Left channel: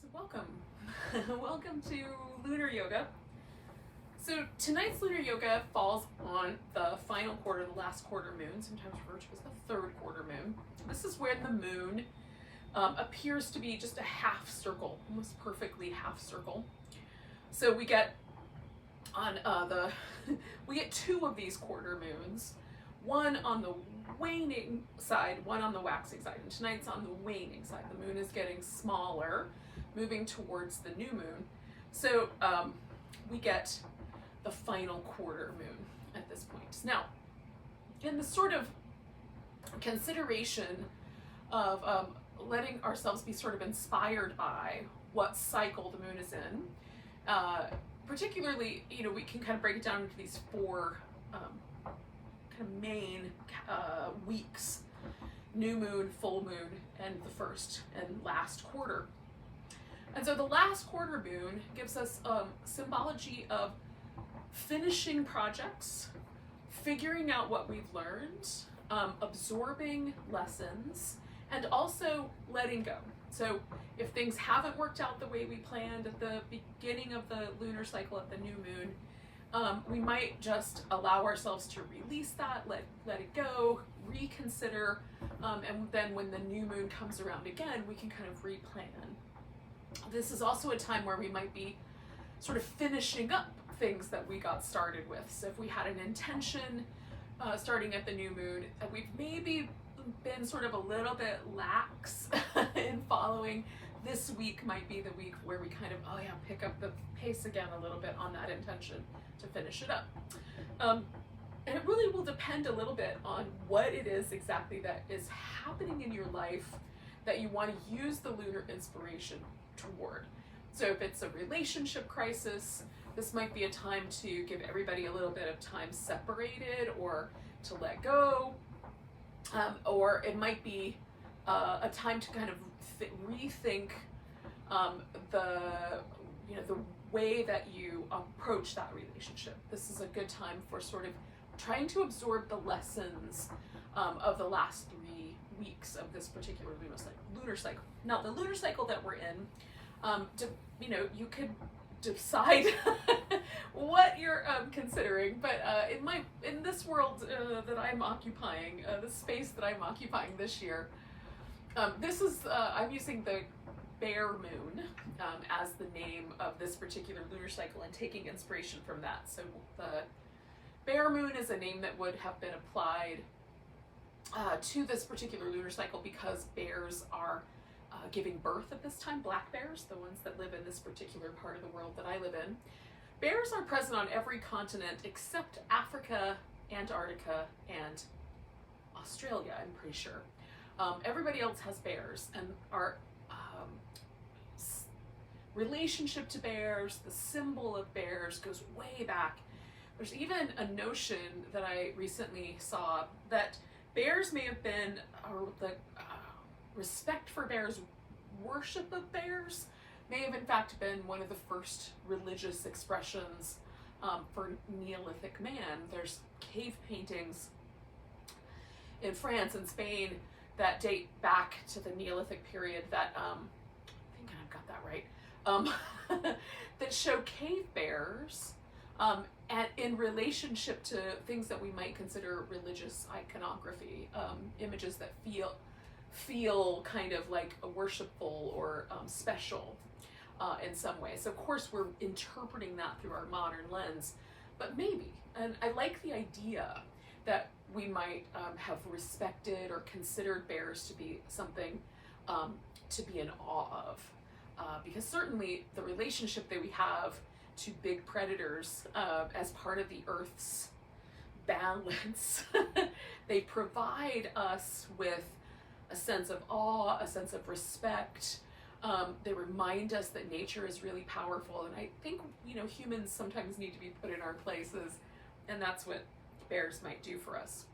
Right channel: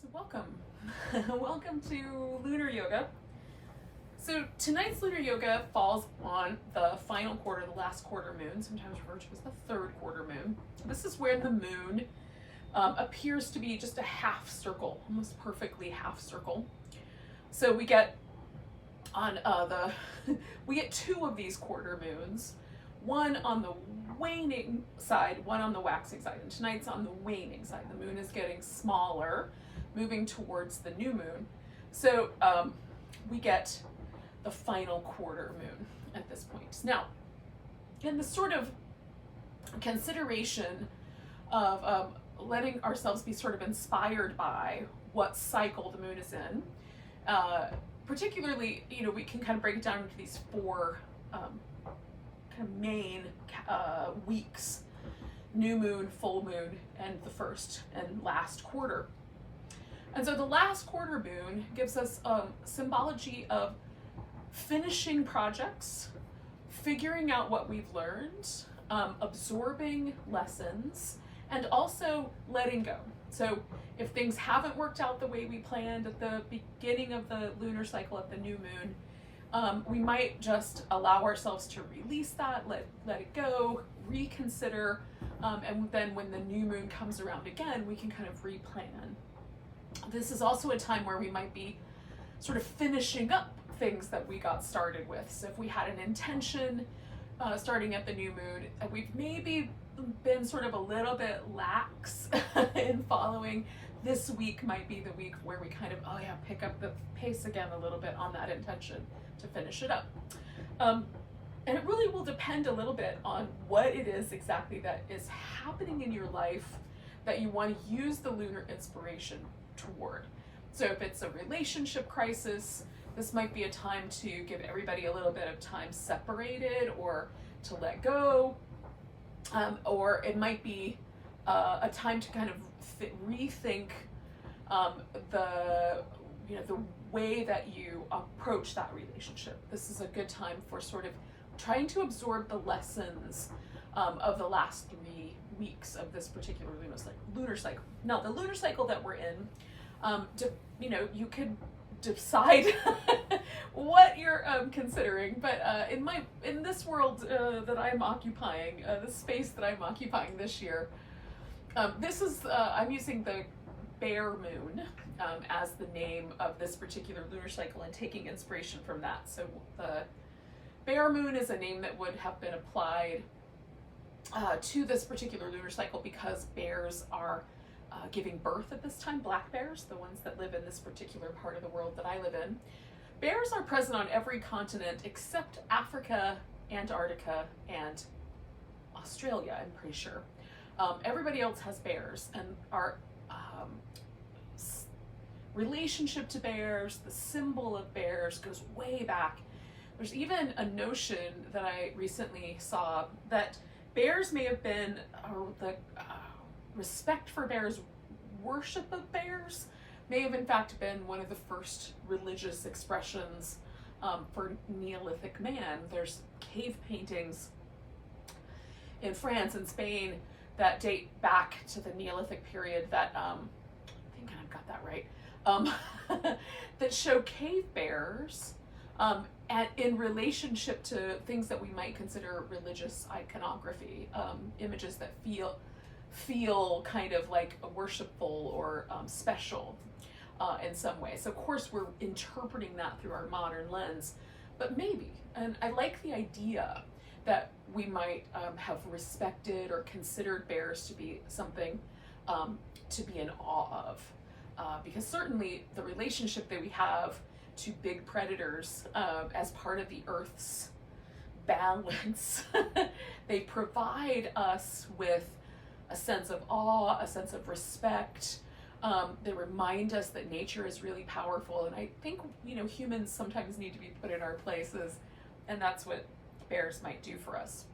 So welcome. Welcome to Lunar Yoga. So tonight's Lunar Yoga falls on the final quarter, the last quarter moon, sometimes referred to as the third quarter moon. This is where the moon appears to be just a half circle, almost perfectly half circle. So we get on we get two of these quarter moons, one on the waning side, one on the waxing side, and tonight's on the waning side. The moon is getting smaller, moving towards the new moon. So we get the final quarter moon at this point. Now, in the sort of consideration of letting ourselves be sort of inspired by what cycle the moon is in, particularly, we can kind of break it down into these four kind of main weeks: new moon, full moon, and the first and last quarter. And so the last quarter moon gives us symbology of finishing projects, figuring out what we've learned, absorbing lessons, and also letting go. So if things haven't worked out the way we planned at the beginning of the lunar cycle at the new moon, we might just allow ourselves to release that, let it go, reconsider, and then when the new moon comes around again, we can kind of replan. This is also a time where we might be sort of finishing up things that we got started with. So if we had an intention starting at the new moon, we've maybe been sort of a little bit lax in following, this week might be the week where we kind of, pick up the pace again a little bit on that intention to finish it up. And it really will depend a little bit on what it is exactly that is happening in your life that you want to use the lunar inspiration toward. So if it's a relationship crisis, this might be a time to give everybody a little bit of time separated or to let go. Or it might be a time to kind of rethink the way that you approach that relationship. This is a good time for sort of trying to absorb the lessons of the last 3 weeks of this particular lunar cycle. Now, the lunar cycle that we're in, you could decide what you're considering, but in this world that I'm occupying, the space that I'm occupying this year, this is I'm using the bear moon as the name of this particular lunar cycle and taking inspiration from that. So the bear moon is a name that would have been applied to this particular lunar cycle because bears are giving birth at this time. Black bears, the ones that live in this particular part of the world that I live in. Bears are present on every continent except Africa, Antarctica, and Australia, I'm pretty sure. Everybody else has bears, and our relationship to bears, the symbol of bears, goes way back. There's even a notion that I recently saw that bears may have been, the respect for bears, worship of bears, may have in fact been one of the first religious expressions for Neolithic man. There's cave paintings in France and Spain that date back to the Neolithic period that, I think I've got that right, that show cave bears in relationship to things that we might consider religious iconography, images that feel kind of like worshipful or special in some way. So of course we're interpreting that through our modern lens, but maybe, and I like the idea that we might have respected or considered bears to be something to be in awe of, because certainly the relationship that we have to big predators as part of the Earth's balance, they provide us with a sense of awe, a sense of respect. They remind us that nature is really powerful, and I think humans sometimes need to be put in our places, and that's what bears might do for us.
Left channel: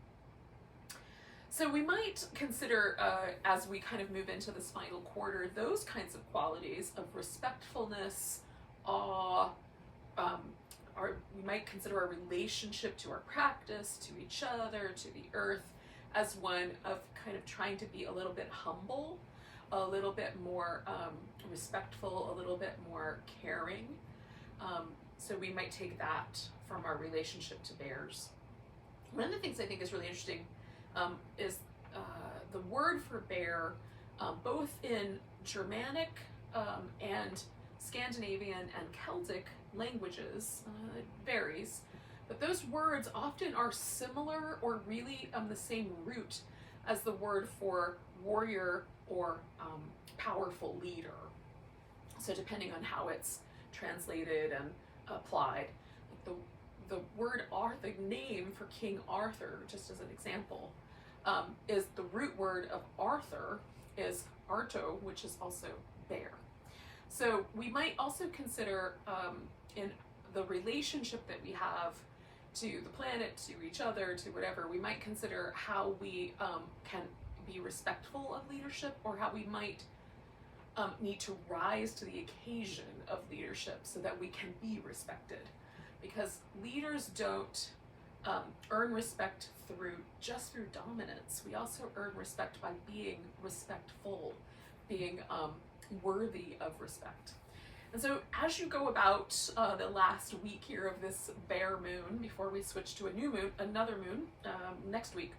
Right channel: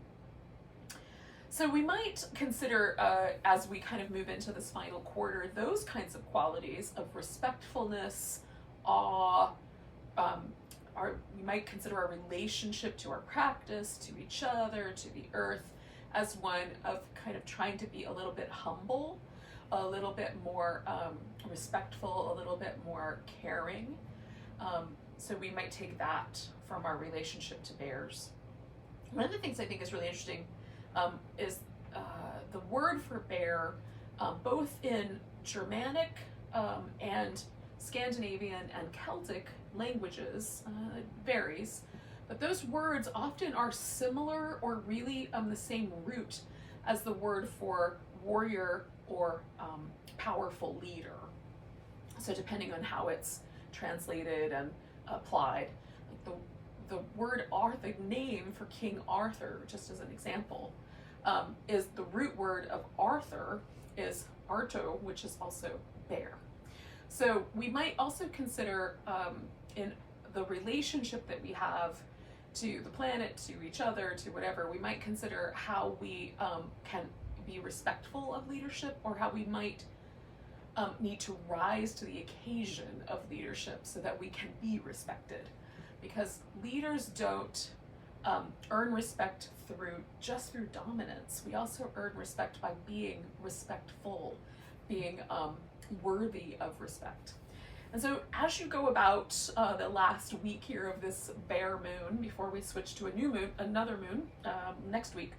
So we might consider, as we kind of move into this final quarter, those kinds of qualities of respectfulness, awe. We might consider our relationship to our practice, to each other, to the earth, as one of kind of trying to be a little bit humble, a little bit more respectful, a little bit more caring. So we might take that from our relationship to bears. One of the things I think is really interesting is the word for bear, both in Germanic and Scandinavian and Celtic languages, it varies, but those words often are similar or really the same root as the word for warrior or powerful leader. So depending on how it's translated and applied, like the word Arthur, the name for King Arthur, just as an example, is the root word of Arthur is Arto, which is also bear. So we might also consider in the relationship that we have to the planet, to each other, to whatever, we might consider how we can be respectful of leadership, or how we might need to rise to the occasion of leadership so that we can be respected. Because leaders don't earn respect just through dominance. We also earn respect by being respectful, being worthy of respect. And so as you go about the last week here of this bear moon, before we switch to another moon next week,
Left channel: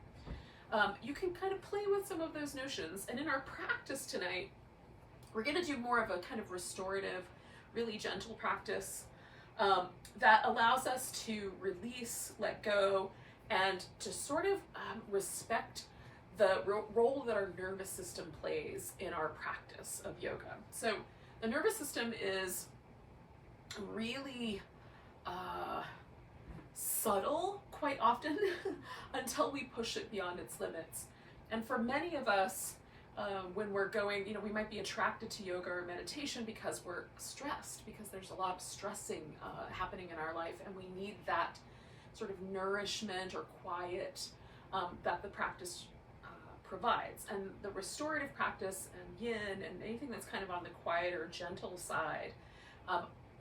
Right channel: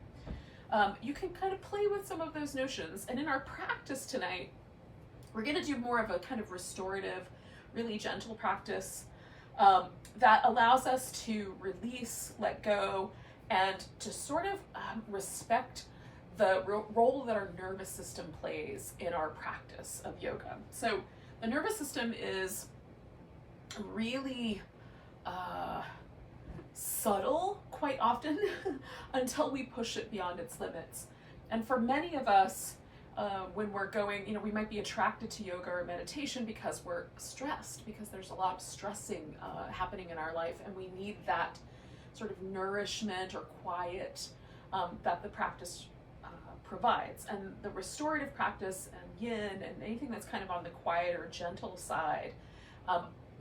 you can kind of play with some of those notions. And in our practice tonight, we're going to do more of a kind of restorative, really gentle practice that allows us to release, let go, and to sort of respect the role that our nervous system plays in our practice of yoga. So the nervous system is really subtle quite often until we push it beyond its limits. And for many of us, when we're going, we might be attracted to yoga or meditation because we're stressed, because there's a lot of stressing happening in our life, and we need that sort of nourishment or quiet that the practice provides. And the restorative practice and yin and anything that's kind of on the quiet or gentle side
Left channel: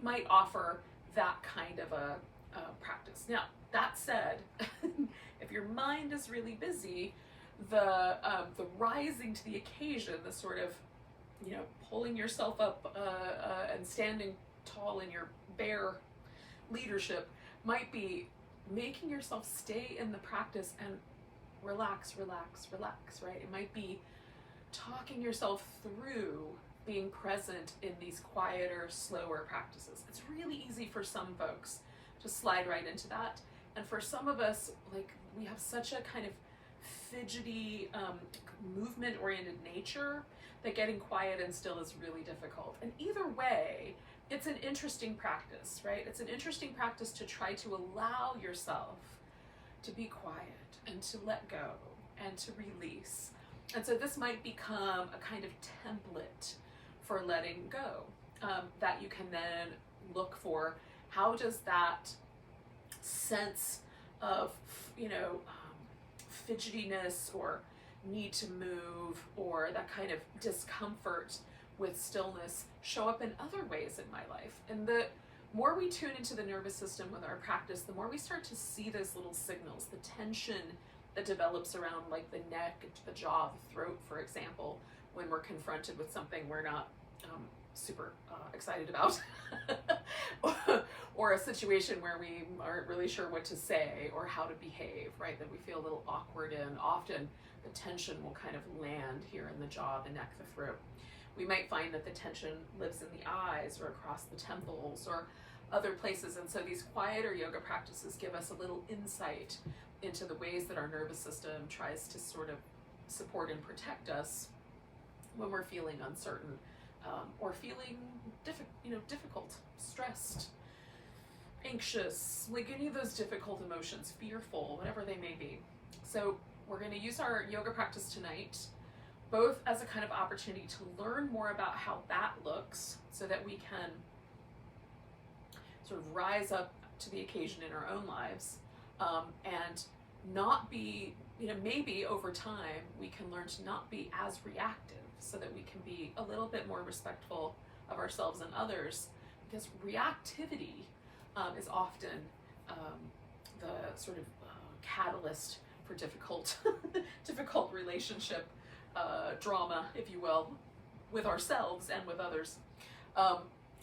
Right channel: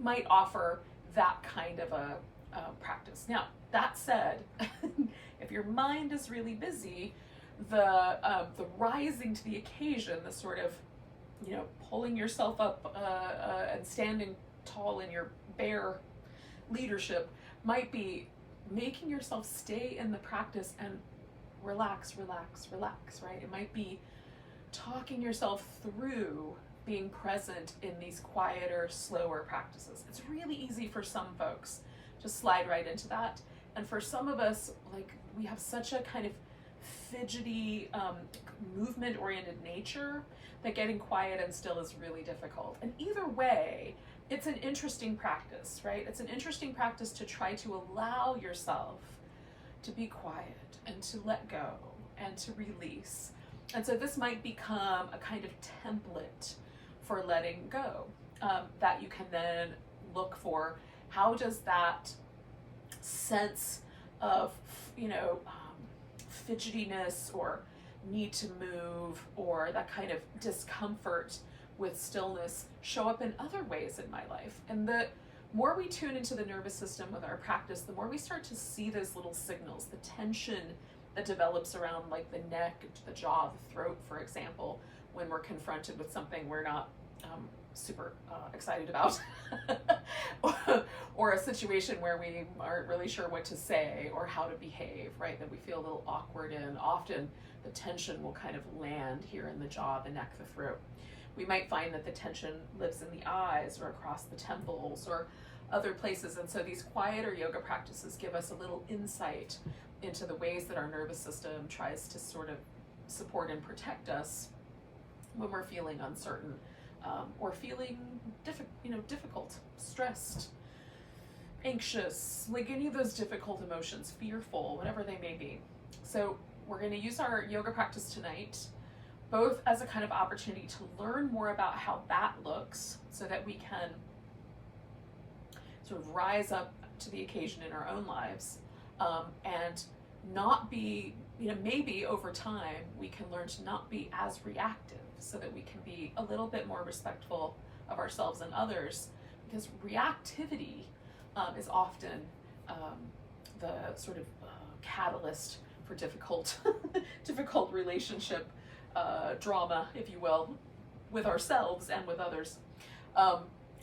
might offer that kind of a practice. Now, that said, if your mind is really busy, the rising to the occasion, the sort of, pulling yourself up and standing tall in your bear leadership might be making yourself stay in the practice and relax, right? It might be talking yourself through being present in these quieter, slower practices. It's really easy for some folks to slide right into that. And for some of us, we have such a kind of fidgety, movement-oriented nature that getting quiet and still is really difficult. And either way, it's an interesting practice, right? It's an interesting practice to try to allow yourself to be quiet and to let go and to release. And so this might become a kind of template for letting go that you can then look for. How does that sense of, fidgetiness or need to move or that kind of discomfort with stillness show up in other ways in my life? And the more we tune into the nervous system with our practice, the more we start to see those little signals, the tension that develops around the neck, the jaw, the throat, for example, when we're confronted with something we're not super excited about, or a situation where we aren't really sure what to say or how to behave, right? That we feel a little awkward in. Often the tension will kind of land here in the jaw, the neck, the throat. We might find that the tension lives in the eyes or across the temples or other places. And so these quieter yoga practices give us a little insight into the ways that our nervous system tries to sort of support and protect us when we're feeling uncertain or feeling difficult, stressed, anxious, any of those difficult emotions, fearful, whatever they may be. So we're going to use our yoga practice tonight both as a kind of opportunity to learn more about how that looks so that we can sort of rise up to the occasion in our own lives, and not be, maybe over time we can learn to not be as reactive so that we can be a little bit more respectful of ourselves and others, because reactivity is often the sort of catalyst for difficult relationship drama, if you will. with ourselves and with others.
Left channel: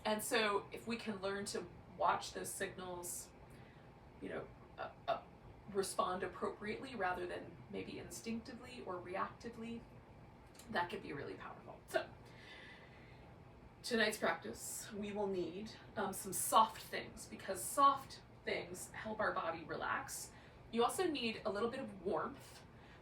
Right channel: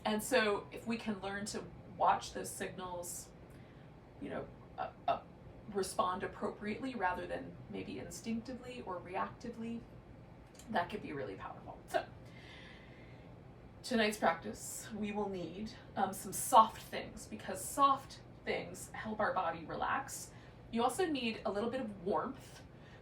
And so if we can learn to watch those signals, you know, respond appropriately rather than maybe instinctively or reactively, that could be really powerful. So tonight's practice, we will need some soft things, because soft things help our body relax. You also need a little bit of warmth.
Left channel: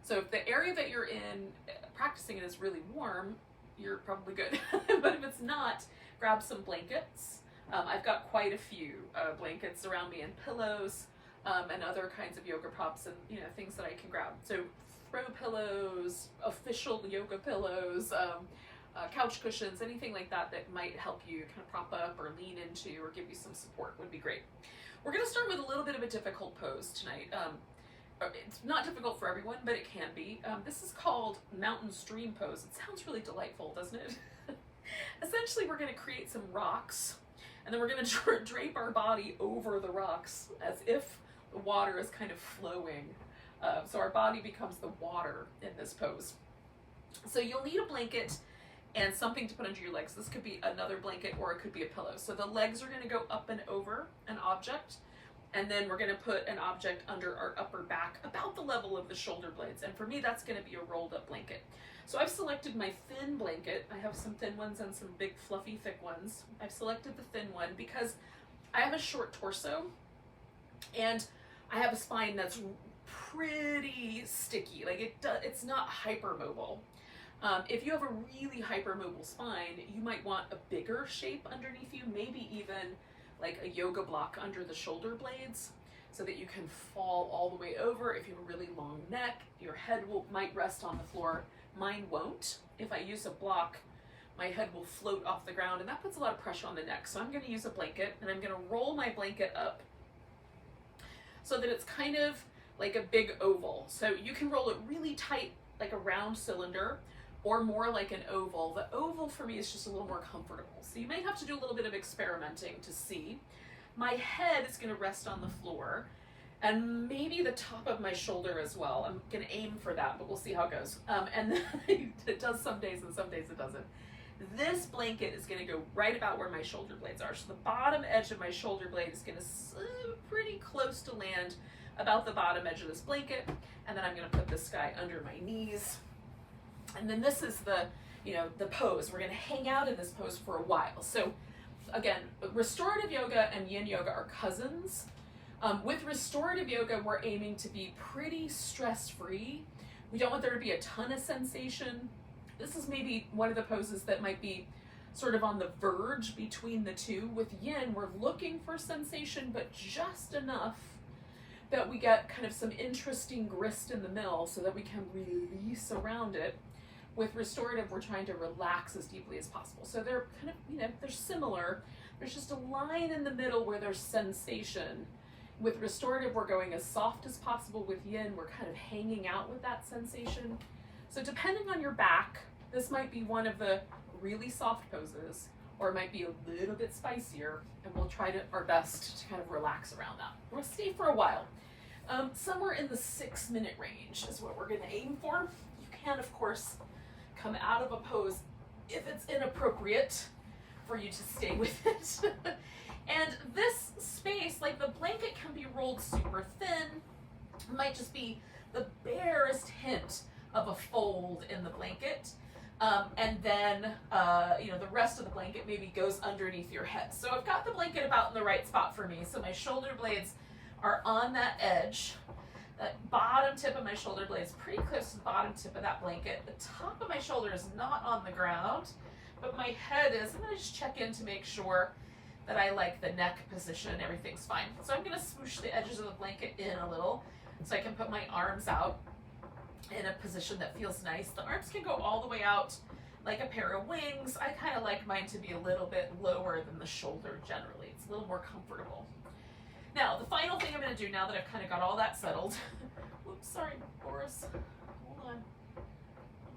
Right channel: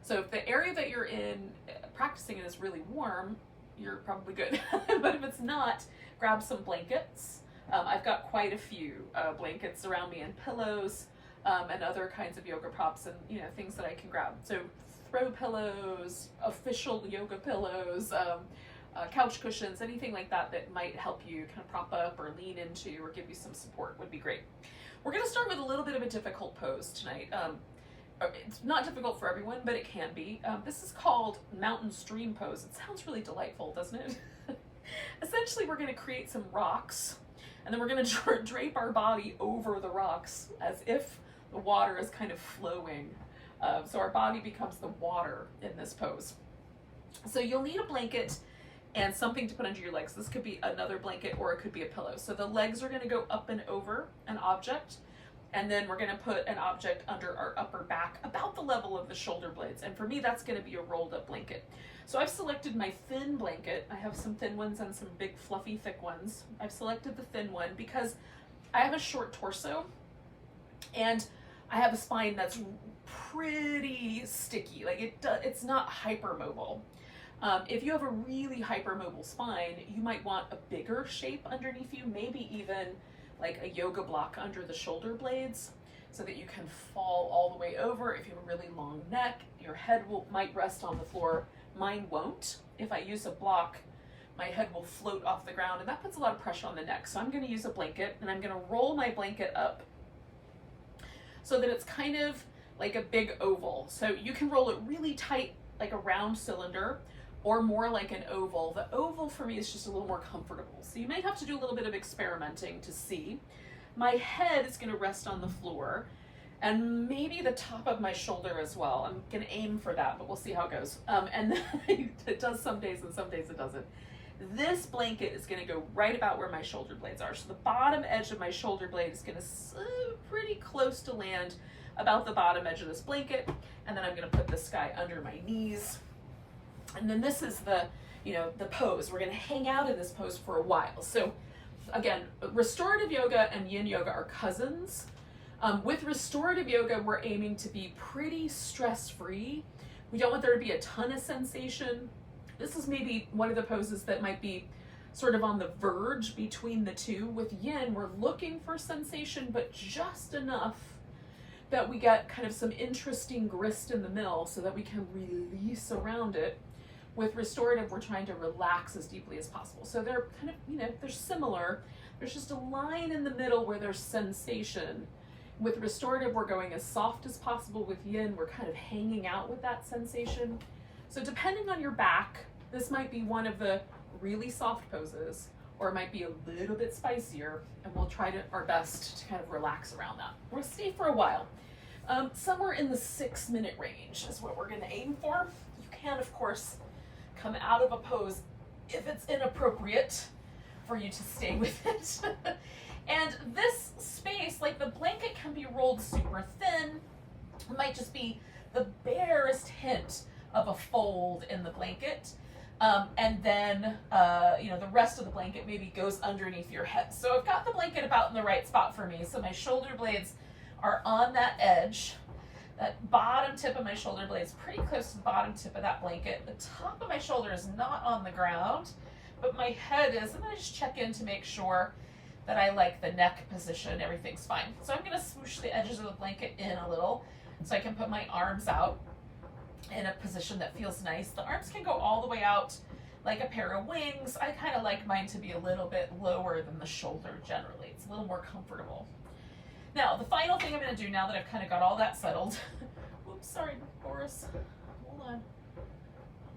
So if the area that you're in practicing it is really warm, you're probably good. But if it's not, grab some blankets. I've got quite a few blankets around me, and pillows, and other kinds of yoga props, and you know, things that I can grab. So throw pillows, official yoga pillows, couch cushions, anything like that that might help you kind of prop up or lean into or give you some support would be great. We're going to start with a little bit of a difficult pose tonight. It's not difficult for everyone, but it can be. This is called mountain stream pose. It sounds really delightful, doesn't it? Essentially, we're going to create some rocks, and then we're going to drape our body over the rocks as if the water is kind of flowing. So our body becomes the water in this pose. So you'll need a blanket and something to put under your legs. This could be another blanket or it could be a pillow. So the legs are going to go up and over an object, and then we're going to put an object under our upper back about the level of the shoulder blades. And for me, that's going to be a rolled up blanket. So I've selected my thin blanket. I have some thin ones and some big fluffy thick ones. I've selected the thin one because I have a short torso and I have a spine that's pretty sticky. Like it's not hypermobile. If you have a really hypermobile spine, you might want a bigger shape underneath you, maybe even like a yoga block under the shoulder blades so that you can fall all the way over. If you have a really long neck, your head might rest on the floor. Mine won't. If I use a block, my head will float off the ground, and that puts a lot of pressure on the neck. So I'm going to use a blanket, and I'm going to roll my blanket up so that it's kind of like a big oval. So you can roll it really tight, like a round cylinder, or more like an oval. The oval for me is just a little more comfortable. So you may have to do a little bit of experimenting to see. My head is going to rest on the floor, and maybe the top of my shoulder as well. I'm going to aim for that, but we'll see how it goes. And then it does some days and some days it doesn't. This blanket is going to go right about where my shoulder blades are. So the bottom edge of my shoulder blade is going to pretty close to land about the bottom edge of this blanket. And then I'm going to put this guy under my knees. And then this is the pose. We're going to hang out in this pose for a while. So again, restorative yoga and yin yoga are cousins. With restorative yoga, we're aiming to be pretty stress-free. We don't want there to be a ton of sensation. This is maybe one of the poses that might be sort of on the verge between the two. With yin, we're looking for sensation, but just enough that we get kind of some interesting grist in the middle so that we can release around it. With restorative, we're trying to relax as deeply as possible. So they're kind of, they're similar. There's just a line in the middle where there's sensation. With restorative, we're going as soft as possible. With yin, we're kind of hanging out with that sensation. So depending on your back, this might be one of the really soft poses, or it might be a little bit spicier, and we'll try our best to kind of relax around that. We'll stay for a while. Somewhere in the 6-minute range is what we're going to aim for. You can, of course, come out of a pose if it's inappropriate for you to stay with it. And this space, like the blanket can be rolled super thin. It might just be the barest hint of a fold in the blanket. And then, the rest of the blanket maybe goes underneath your head. So I've got the blanket about in the right spot for me. So my shoulder blades are on that edge. That bottom tip of my shoulder blade is pretty close to the bottom tip of that blanket. The top of my shoulder is not on the ground, but my head is. I'm going to just check in to make sure that I like the neck position. Everything's fine. So I'm going to swoosh the edges of the blanket in a little so I can put my arms out in a position that feels nice. The arms can go all the way out like a pair of wings. I kind of like mine to be a little bit lower than the shoulder generally. It's a little more comfortable. Now, the final thing I'm going to do now that I've kind of got all that settled. Oops, sorry, Boris. Hold on.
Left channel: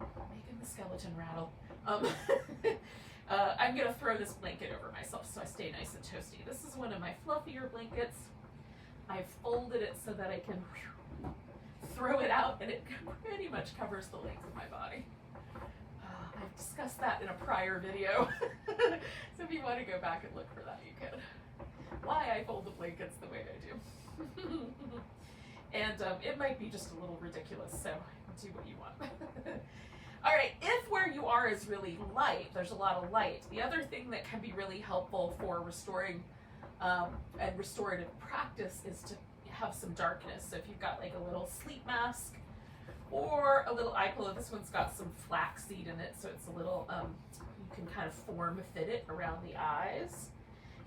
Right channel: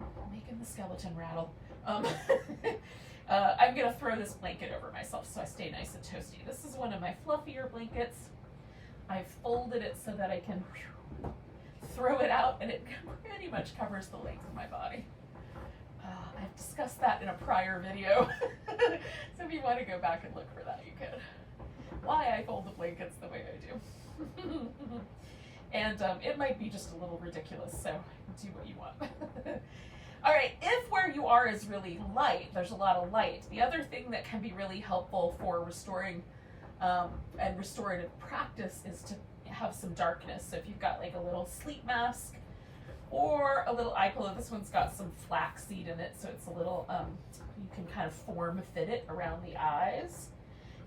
I'm making the skeleton rattle. I'm going to throw this blanket over myself so I stay nice and toasty. This is one of my fluffier blankets. I've folded it so that I can throw it out, and it pretty much covers the length of my body. I've discussed that in a prior video. So if you want to go back and look for that, you can. Why I fold the blankets the way I do. And it might be just a little ridiculous, so do what you want. All right, if where you are is really light, there's a lot of light, the other thing that can be really helpful for restoring and restorative practice is to have some darkness. So if you've got like a little sleep mask or a little eye pillow, this one's got some flaxseed in it, so it's a little, you can kind of form fit it around the eyes.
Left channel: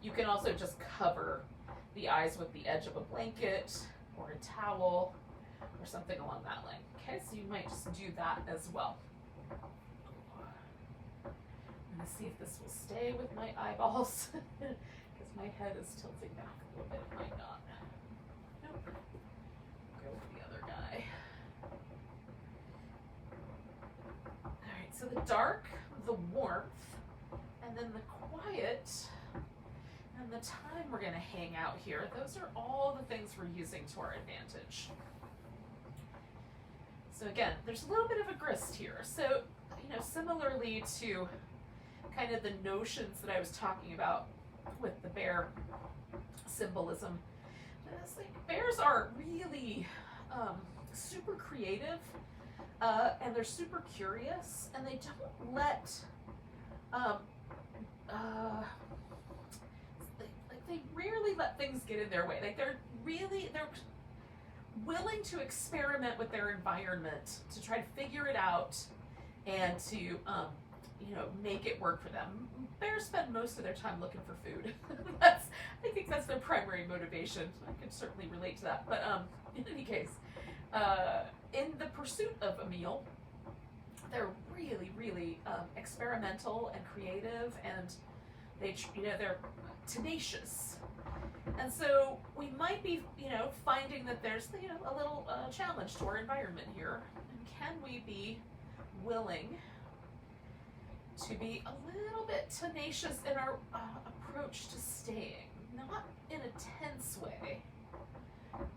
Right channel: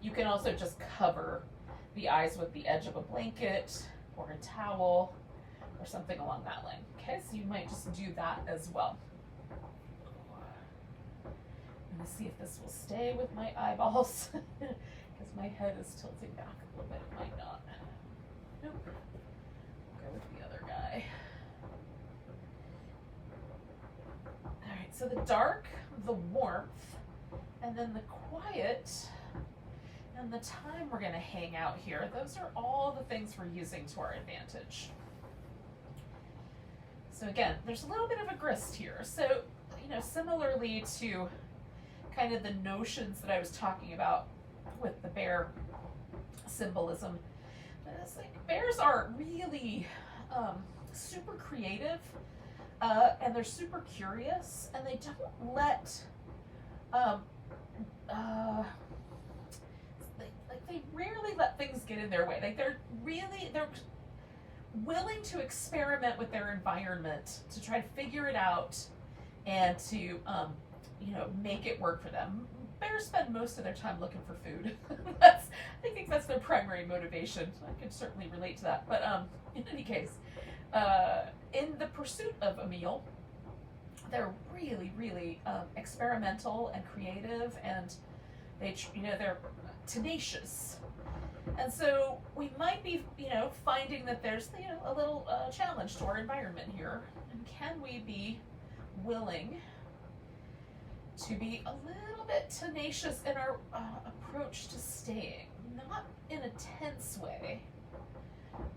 You can also just cover the eyes with the edge of a blanket or a towel or something along that line. Okay, so you might just do that as well. I'm gonna see if this will stay with my eyeballs because my head is tilting back a little bit. It might not. Nope. Go with the other guy. All right, so the dark, the warmth, and then the quiet, and the time we're going to hang out here, those are all the things we're using to our advantage. So again, there's a little bit of a grist here. So, you know, similarly to kind of the notions that I was talking about with the bear symbolism, it's like bears are really super creative, and they're super curious, and they don't let they rarely let things get in their way. Like they're willing to experiment with their environment to try to figure it out and to you know, make it work for them. Bears spend most of their time looking for food. I think that's their primary motivation. I can certainly relate to that. But in any case, in the pursuit of a meal, they're really, really experimental and creative, and they're tenacious. And so we might be, finding that there's, a little challenge to our environment here. And can we be willing to be a little bit tenacious in our approach to staying? Not in a tense way,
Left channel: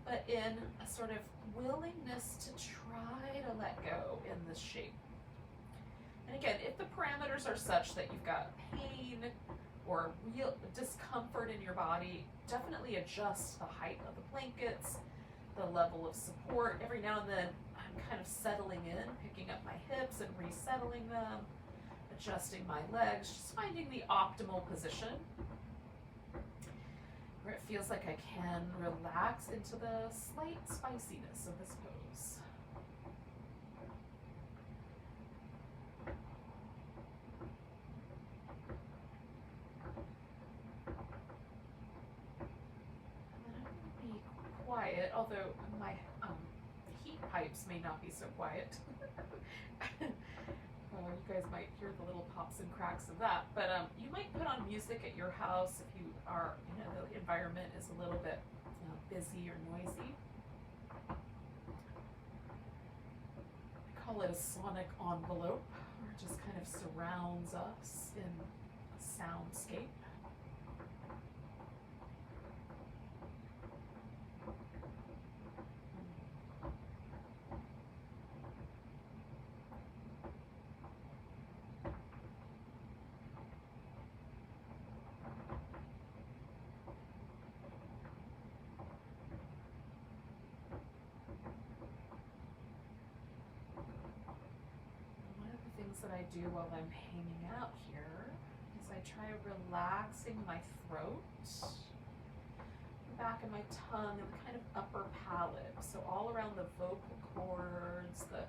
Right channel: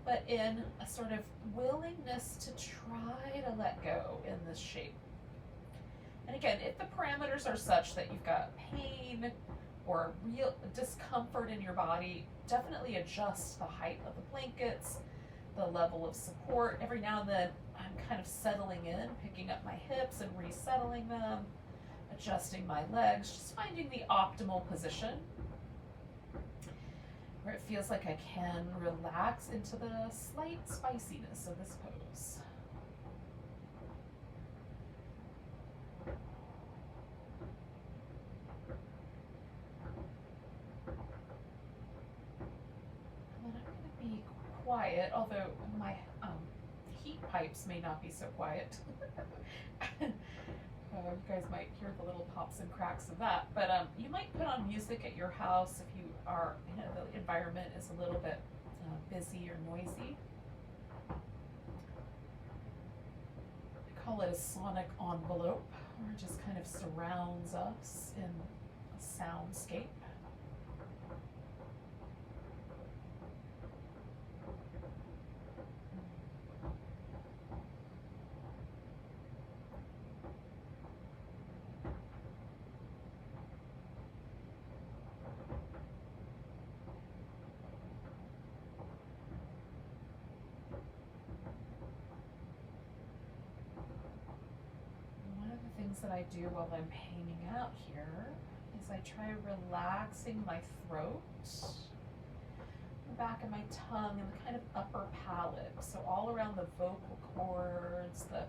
but in a sort of willingness to try to let go in this shape. And again, if the parameters are such that you've got pain or real discomfort in your body, definitely adjust the height of the blankets, the level of support. Every now and then, I'm kind of settling in, picking up my hips and resettling them, adjusting my legs, just finding the optimal position where it feels like I can relax into the slight spiciness of this pose. And then I'm going to be quiet, although my heat pipes may not be so quiet. You guys might hear the little pops and cracks of that, but you might put on music at your house if you are, the environment is a little bit busy or noisy. I call it a sonic envelope, where it just kind of surrounds us in a soundscape. That I do while I'm hanging out here is I try relaxing my throat, the back of my tongue, and the kind of upper palate. So all around the vocal cords, the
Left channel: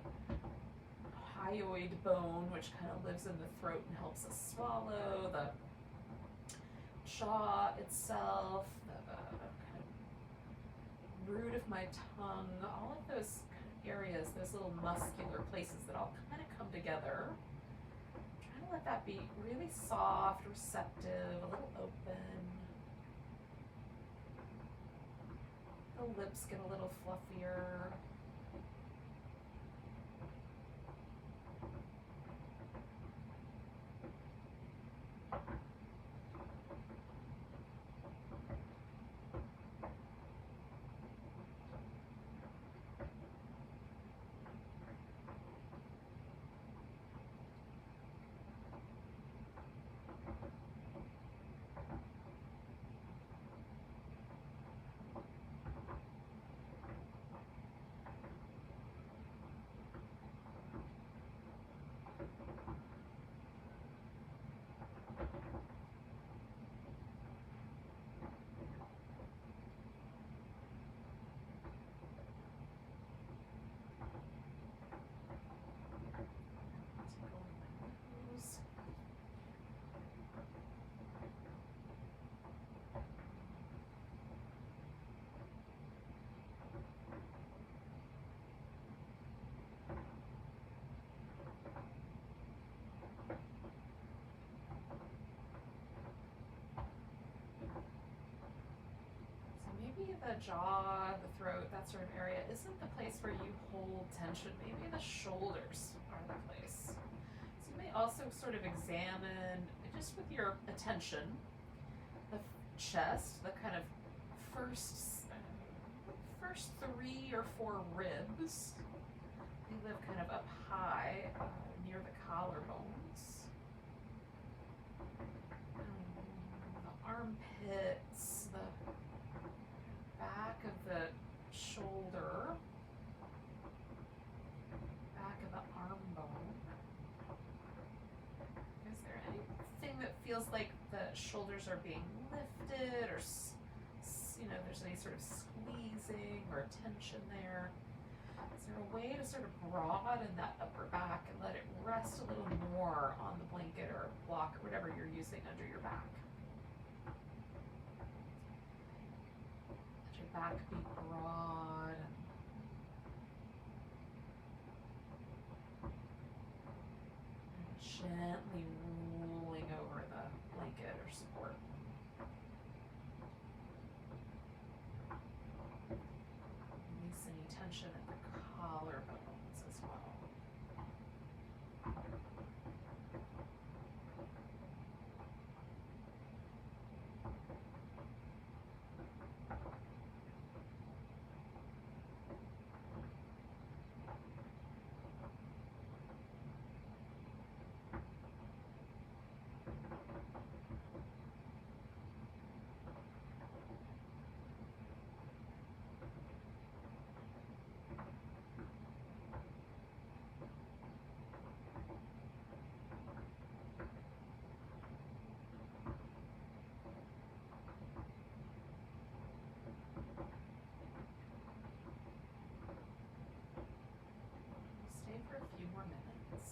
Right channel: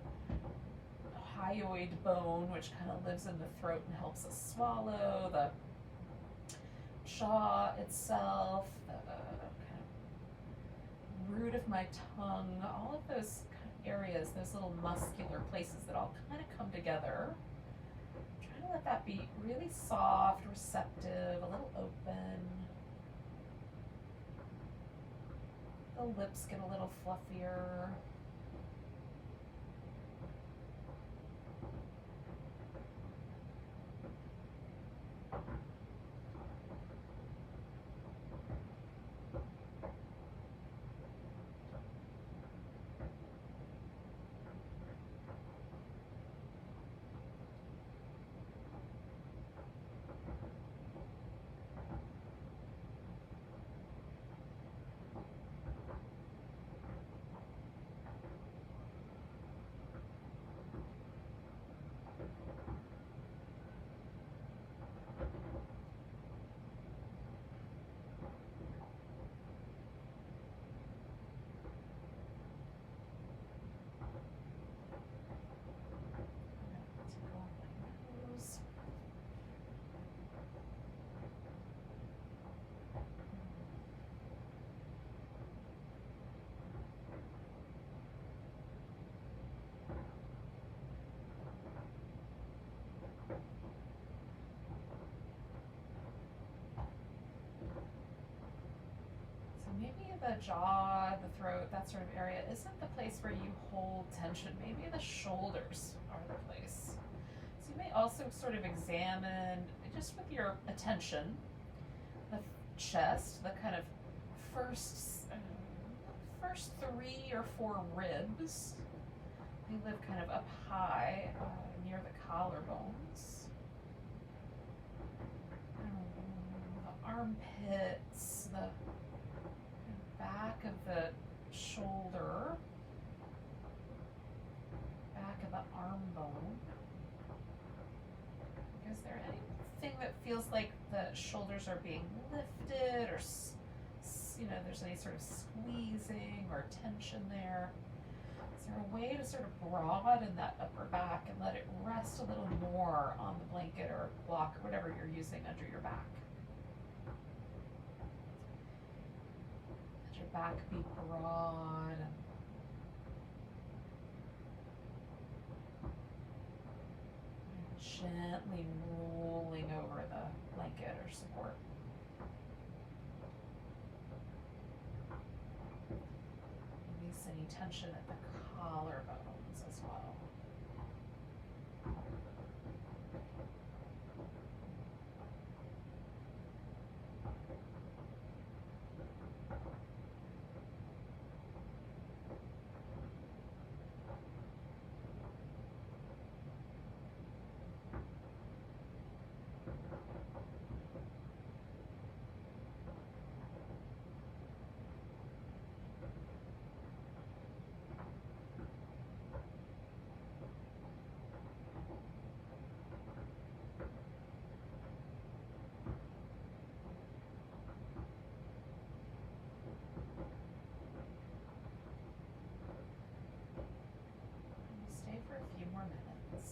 hyoid bone, which kind of lives in the throat and helps us swallow, the jaw itself, the kind of root of my tongue, all of those areas, those little muscular places that all kind of come together. I'm trying to let that be really soft, receptive, a little open. The lips get a little fluffier. maybe the jaw, the throat, that sort of area isn't the place where you hold tension. Maybe the shoulders are the place. So you may also sort of examine, just with your attention, the chest, the kind of first 3 or 4 ribs. They live kind of up high near the collarbones. The armpits, the back of the shoulder, back of the arm bone. Is there anything that feels like the shoulders are being lifted, or there's any sort of squeezing or tension there? Is there a way to sort of broaden that upper back and let it rest a little more on the blanket or block or whatever you're using under your back? Let your back be broad. And gently rolling over the blanket or support. Release any tension at the collarbones as well. Stay for a few more minutes.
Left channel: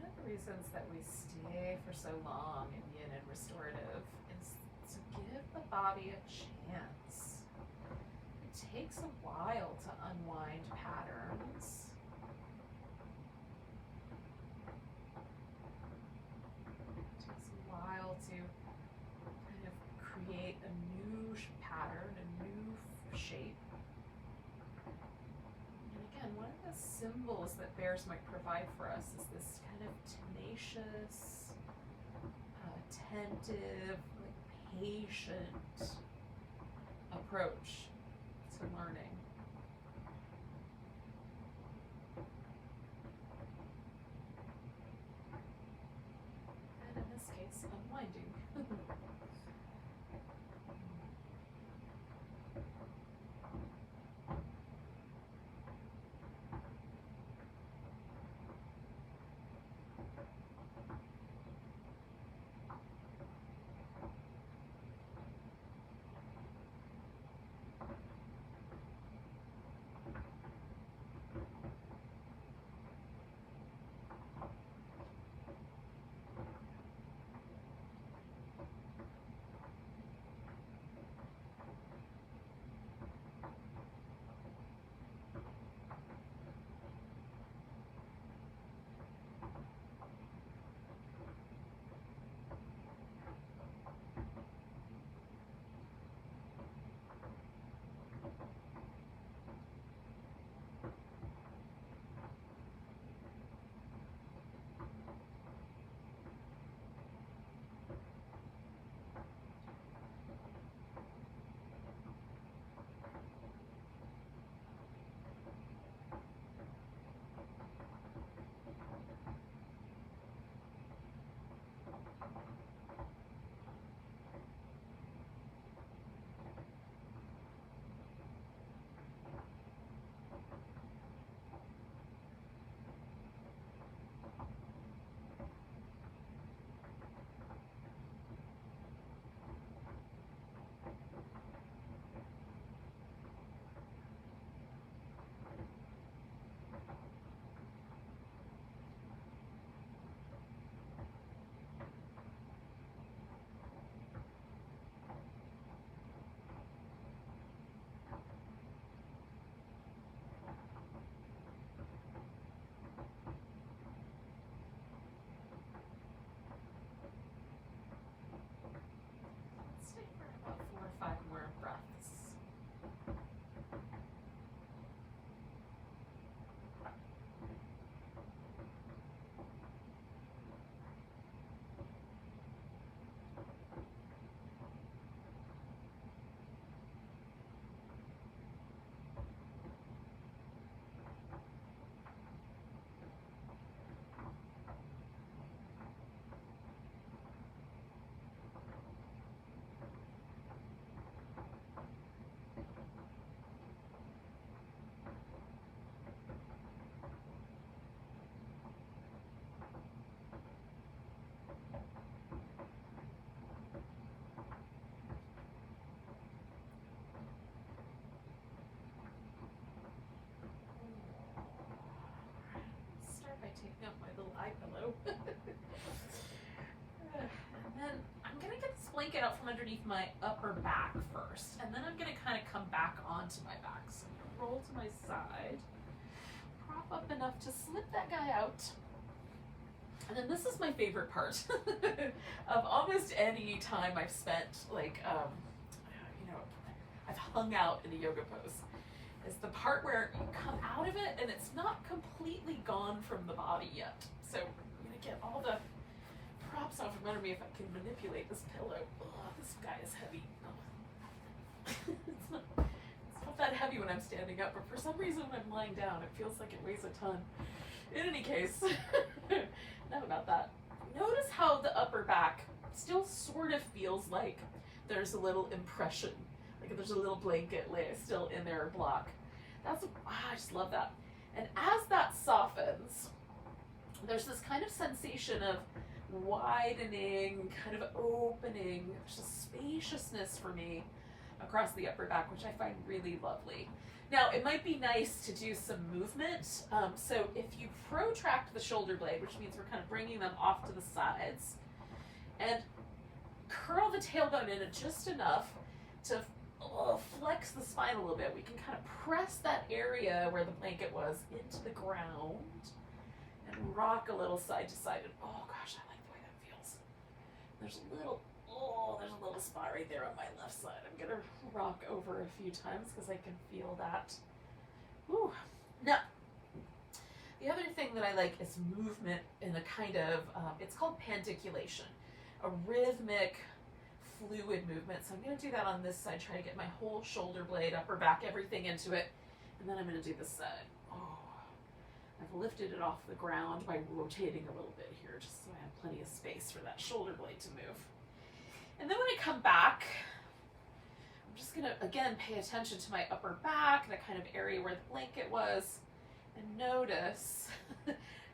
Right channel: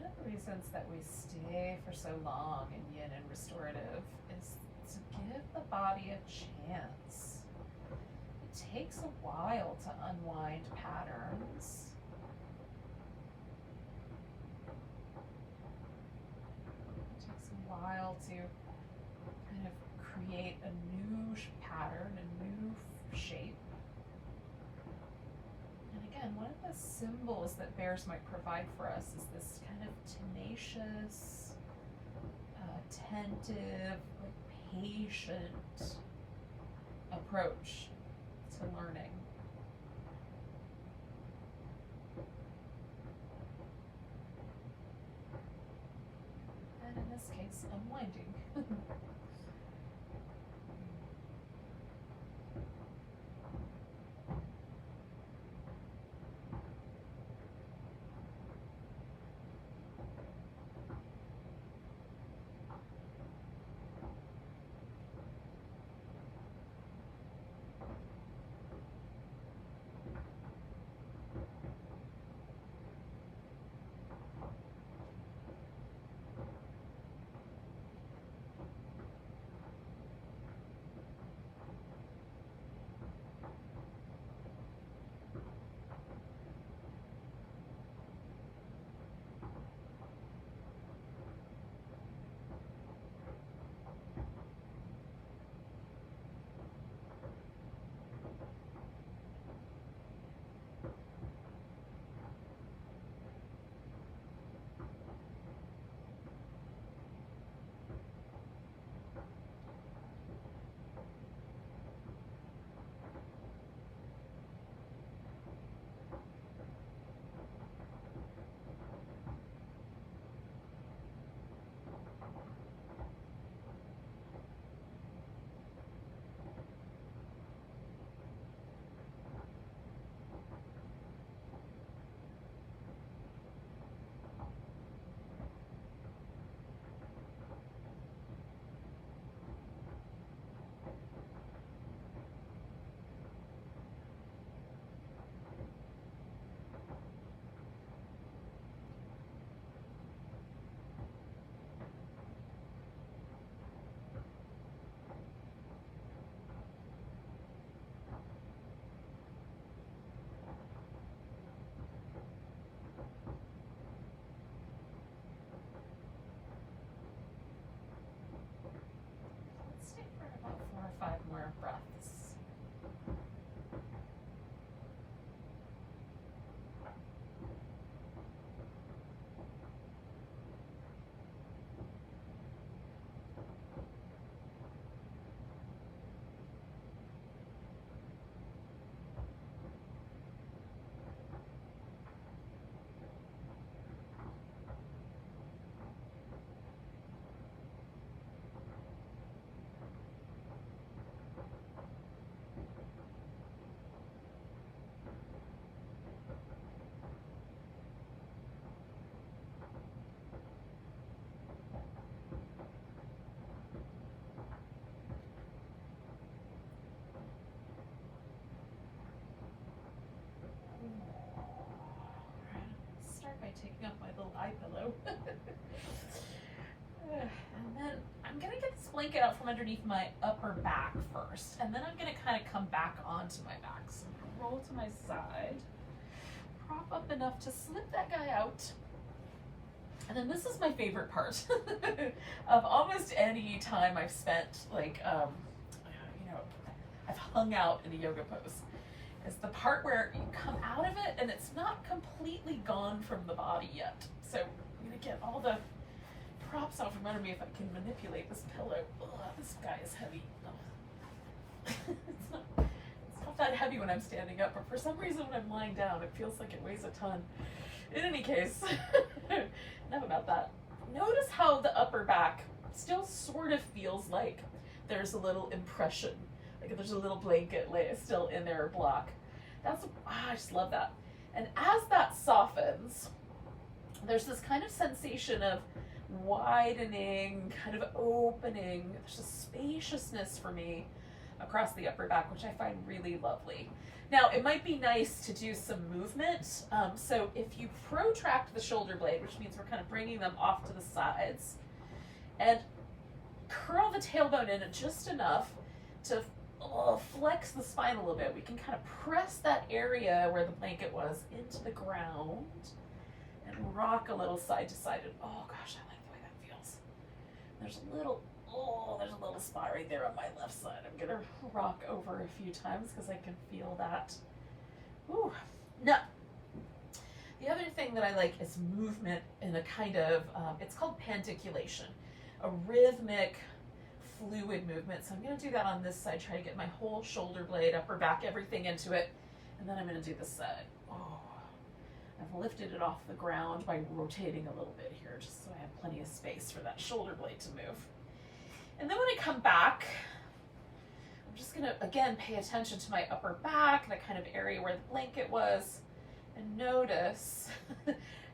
One of the reasons that we stay for so long in yin and restorative is to give the body a chance. It takes a while to unwind patterns. It takes a while to kind of create a new pattern, a new shape. And again, one of the symbols that bears might provide for us is this kind of tenacious, attentive, patient approach to learning. And in this case, unwinding. blanket out from underneath my upper back first, and then I'm gonna kind of come back onto my back. So I'm gonna roll to my side, prop up enough to slip that guy out. And then this is my favorite part of almost any time I've spent, like, I've hung out in a yoga pose, is the part where you come out of it and it's not completely gone from the body yet. So I'm gonna get all the props off from under me if I can manipulate this pillow. Ugh, this guy is heavy. It's not that heavy when I'm standing up, but for some reason when I'm lying down, it feels like it weighs a ton. In any case, enough about that. Notice how the upper back still sort of feels like there's a little impression, like there's a little blanket still in there, or block. I just love that. And as that softens, there's this kind of sensation of widening, kind of opening. There's a spaciousness for me across the upper back, which I find really lovely. Now, it might be nice to do some movement. So if you protract the shoulder blade, which means we're kind of bringing them off to the sides, and curl the tailbone in just enough to flex the spine a little bit, we can kind of press that area where the blanket was into the ground and rock a little side to side. And oh gosh, I like the way that feels. There's a little spot right there on my left side. I'm gonna rock over a few times because I can feel that. Ooh. Now, the other thing that I like is movement in a kind of, it's called pandiculation, a rhythmic, fluid movement. So I'm gonna do that on this side, try to get my whole shoulder blade, upper back, everything into it. And then I'm gonna do this side. Oh, I've lifted it off the ground by rotating a little bit here, just so I have plenty of space for that shoulder blade to move. And then when I come back, I'm just gonna, again, pay attention to my upper back, the kind of area where the blanket was, and notice.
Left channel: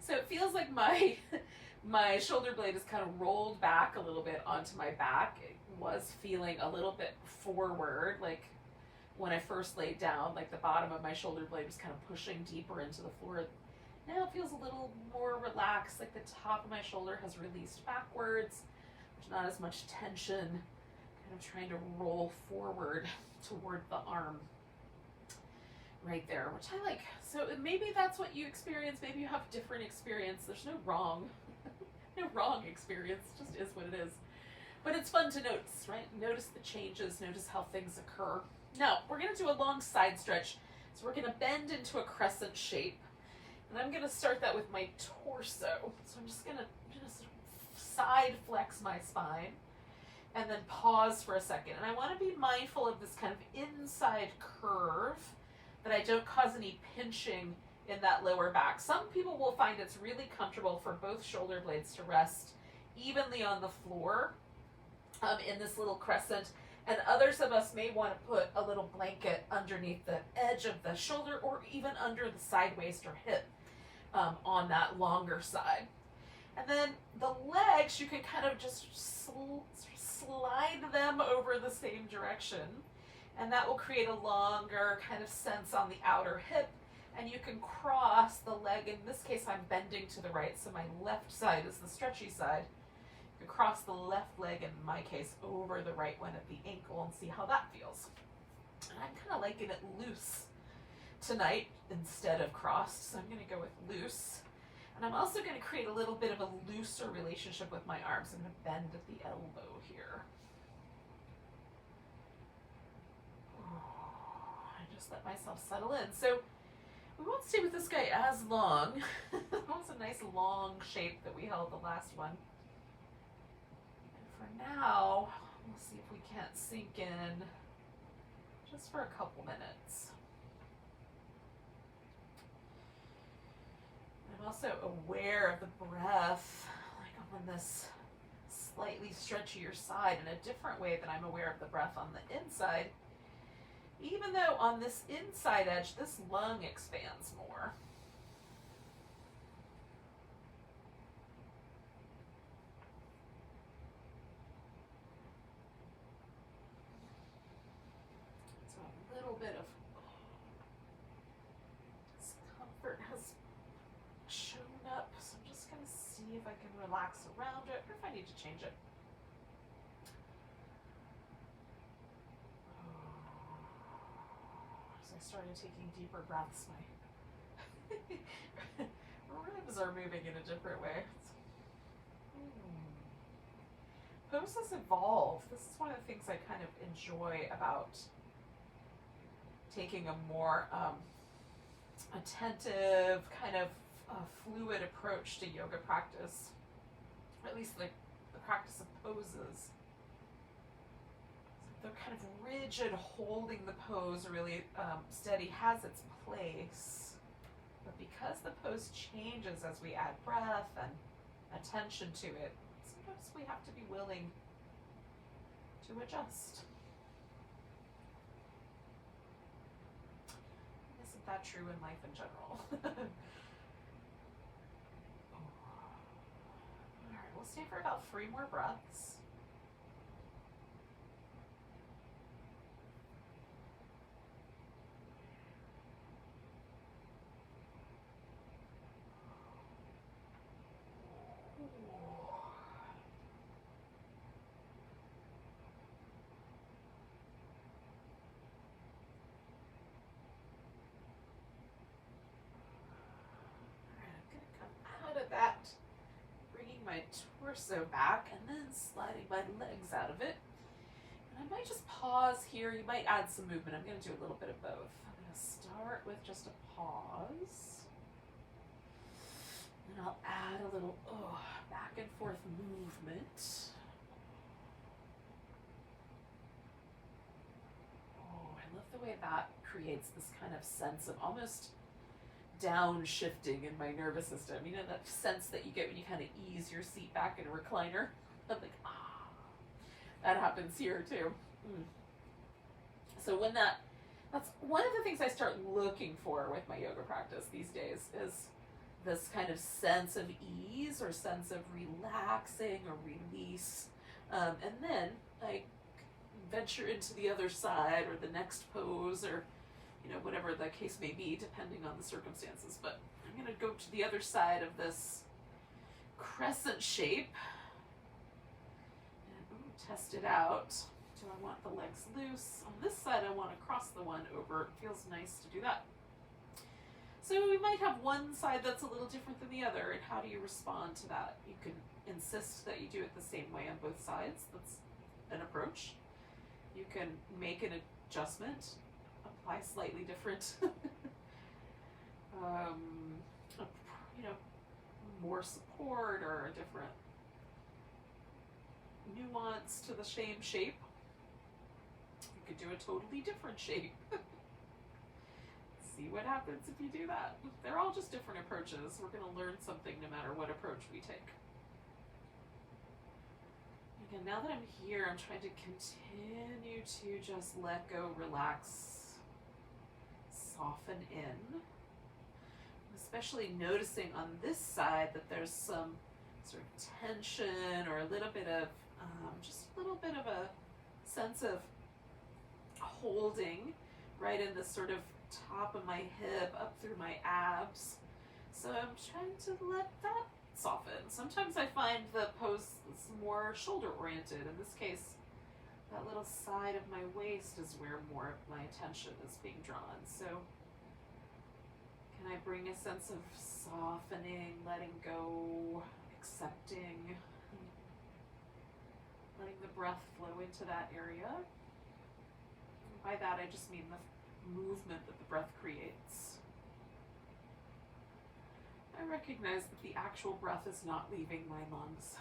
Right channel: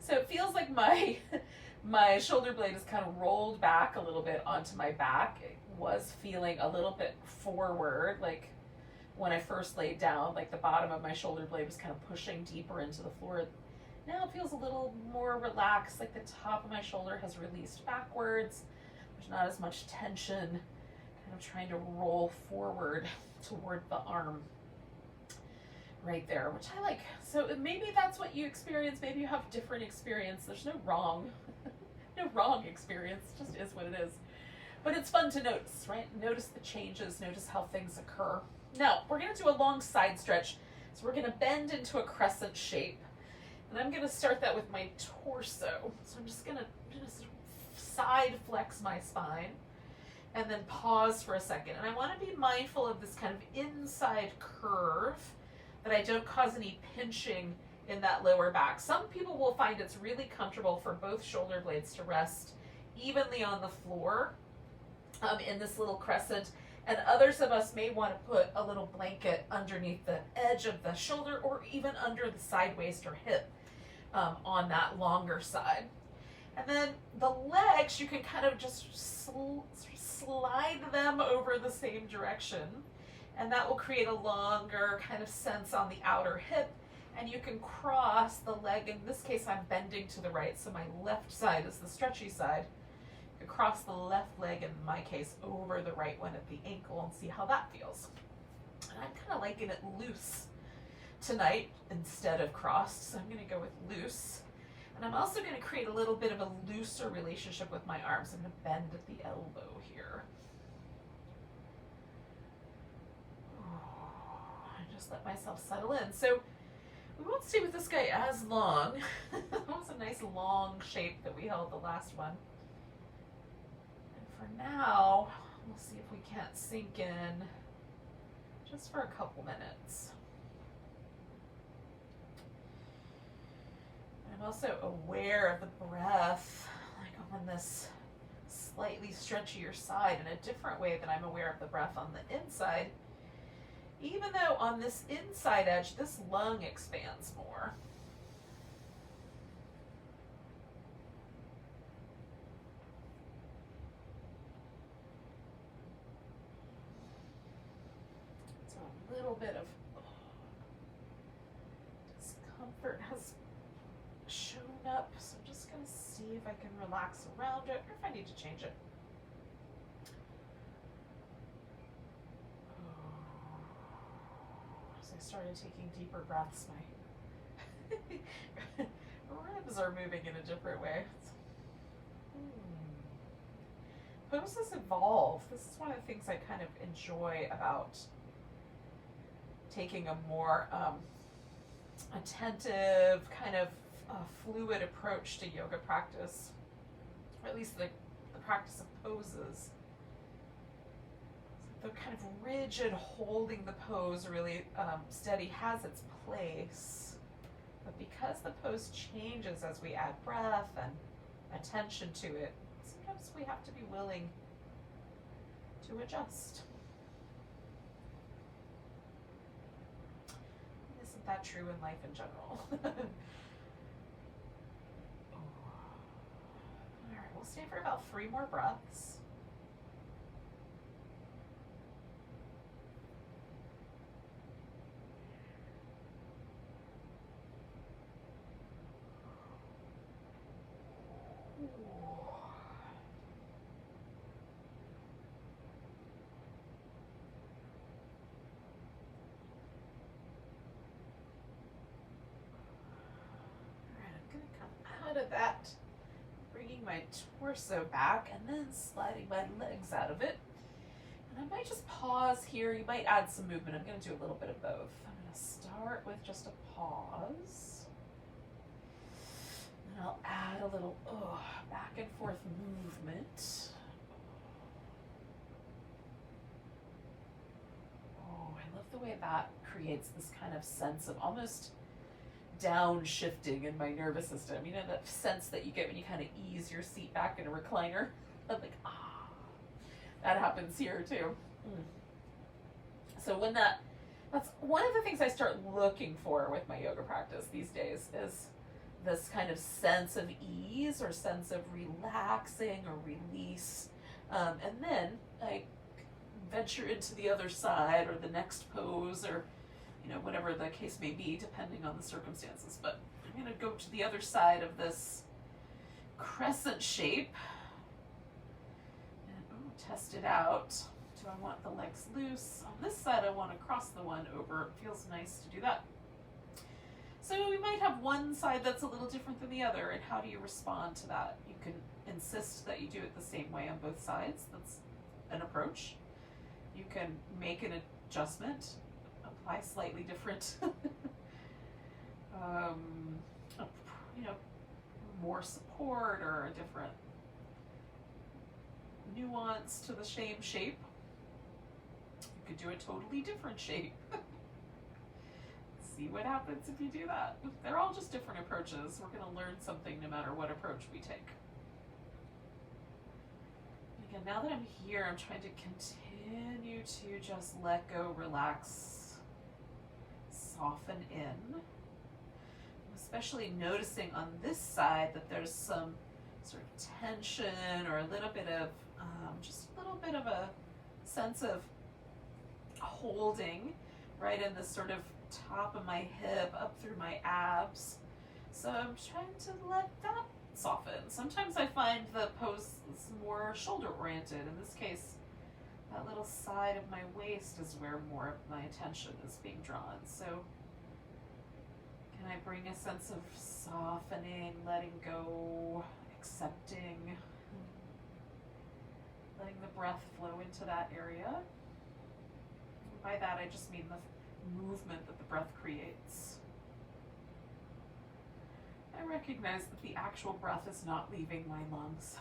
So it feels like my shoulder blade is kind of rolled back a little bit onto my back. It was feeling a little bit forward, like when I first laid down, like the bottom of my shoulder blade was kind of pushing deeper into the floor. Now it feels a little more relaxed, like the top of my shoulder has released backwards. There's not as much tension, kind of trying to roll forward toward the arm right there, which I like. So maybe that's what you experience. Maybe you have different experience. There's no wrong, no wrong experience. It just is what it is. But it's fun to notice, right? Notice the changes, notice how things occur. Now, we're gonna do a long side stretch. So we're gonna bend into a crescent shape. And I'm gonna start that with my torso. So I'm just gonna side flex my spine and then pause for a second. And I wanna be mindful of this kind of inside curve, that I don't cause any pinching in that lower back. Some people will find it's really comfortable for both shoulder blades to rest evenly on the floor in this little crescent. And others of us may want to put a little blanket underneath the edge of the shoulder, or even under the side waist or hip on that longer side. And then the legs, you can kind of just slide them over the same direction. And that will create a longer kind of sense on the outer hip. And you can cross the leg. In this case, I'm bending to the right, so my left side is the stretchy side. You can cross the left leg, in my case, over the right one at the ankle and see how that feels. And I'm kind of liking it loose tonight instead of crossed, so I'm going to go with loose. And I'm also going to create a little bit of a looser relationship with my arms. I'm going to bend at the elbow here. Let myself settle in. So we won't stay with this guy as long. That was a nice long shape that we held the last one. And for now, we'll see if we can't sink in just for a couple minutes. I'm also aware of the breath, like on this slightly stretchier side, in a different way than I'm aware of the breath on the inside. Even though on this inside edge, this lung expands more. So a little bit of discomfort has shown up. So I'm just going to see if I can relax around it, or if I need to change it. I started taking deeper breaths, my ribs are moving in a different way. Poses evolve. This is one of the things I kind of enjoy about taking a more attentive, kind of fluid approach to yoga practice, or at least the practice of poses. So the kind of rigid holding the pose really steady has its place, but because the pose changes as we add breath and attention to it, sometimes we have to be willing to adjust. Isn't that true in life in general? All right, we'll stay for about 3 more breaths. Out of that, bringing my torso back and then sliding my legs out of it. And I might just pause here. You might add some movement. I'm going to do a little bit of both. I'm going to start with just a pause. And I'll add a little back and forth movement. Oh, I love the way that creates this kind of sense of almost downshifting in my nervous system. You know, that sense that you get when you kind of ease your seat back in a recliner? I'm like, that happens here too. So when that's one of the things I start looking for with my yoga practice these days, is this kind of sense of ease or sense of relaxing or release. And then I venture into the other side or the next pose, or whatever the case may be, depending on the circumstances. But I'm going to go to the other side of this crescent shape and test it out. Do I want the legs loose? On this side, I want to cross the one over. It feels nice to do that. So we might have one side that's a little different than the other, and how do you respond to that? You can insist that you do it the same way on both sides. That's an approach. You can make an adjustment, apply slightly different, more support or a different nuance to the same shape. You could do a totally different shape. See what happens if you do that. They're all just different approaches. We're going to learn something no matter what approach we take. Again, now that I'm here, I'm trying to continue to just let go, relax, soften in. Especially noticing on this side that there's some sort of tension or a little bit of, just a little bit of a sense of holding right in the sort of top of my hip up through my abs. So I'm trying to let that soften. Sometimes I find the pose is more shoulder oriented. In this case, that little side of my waist is where more of my attention is being drawn. So can I bring a sense of softening, letting go, accepting, letting the breath flow into that area? And by that, I just mean the movement that the breath creates. I recognize that the actual breath is not leaving my lungs.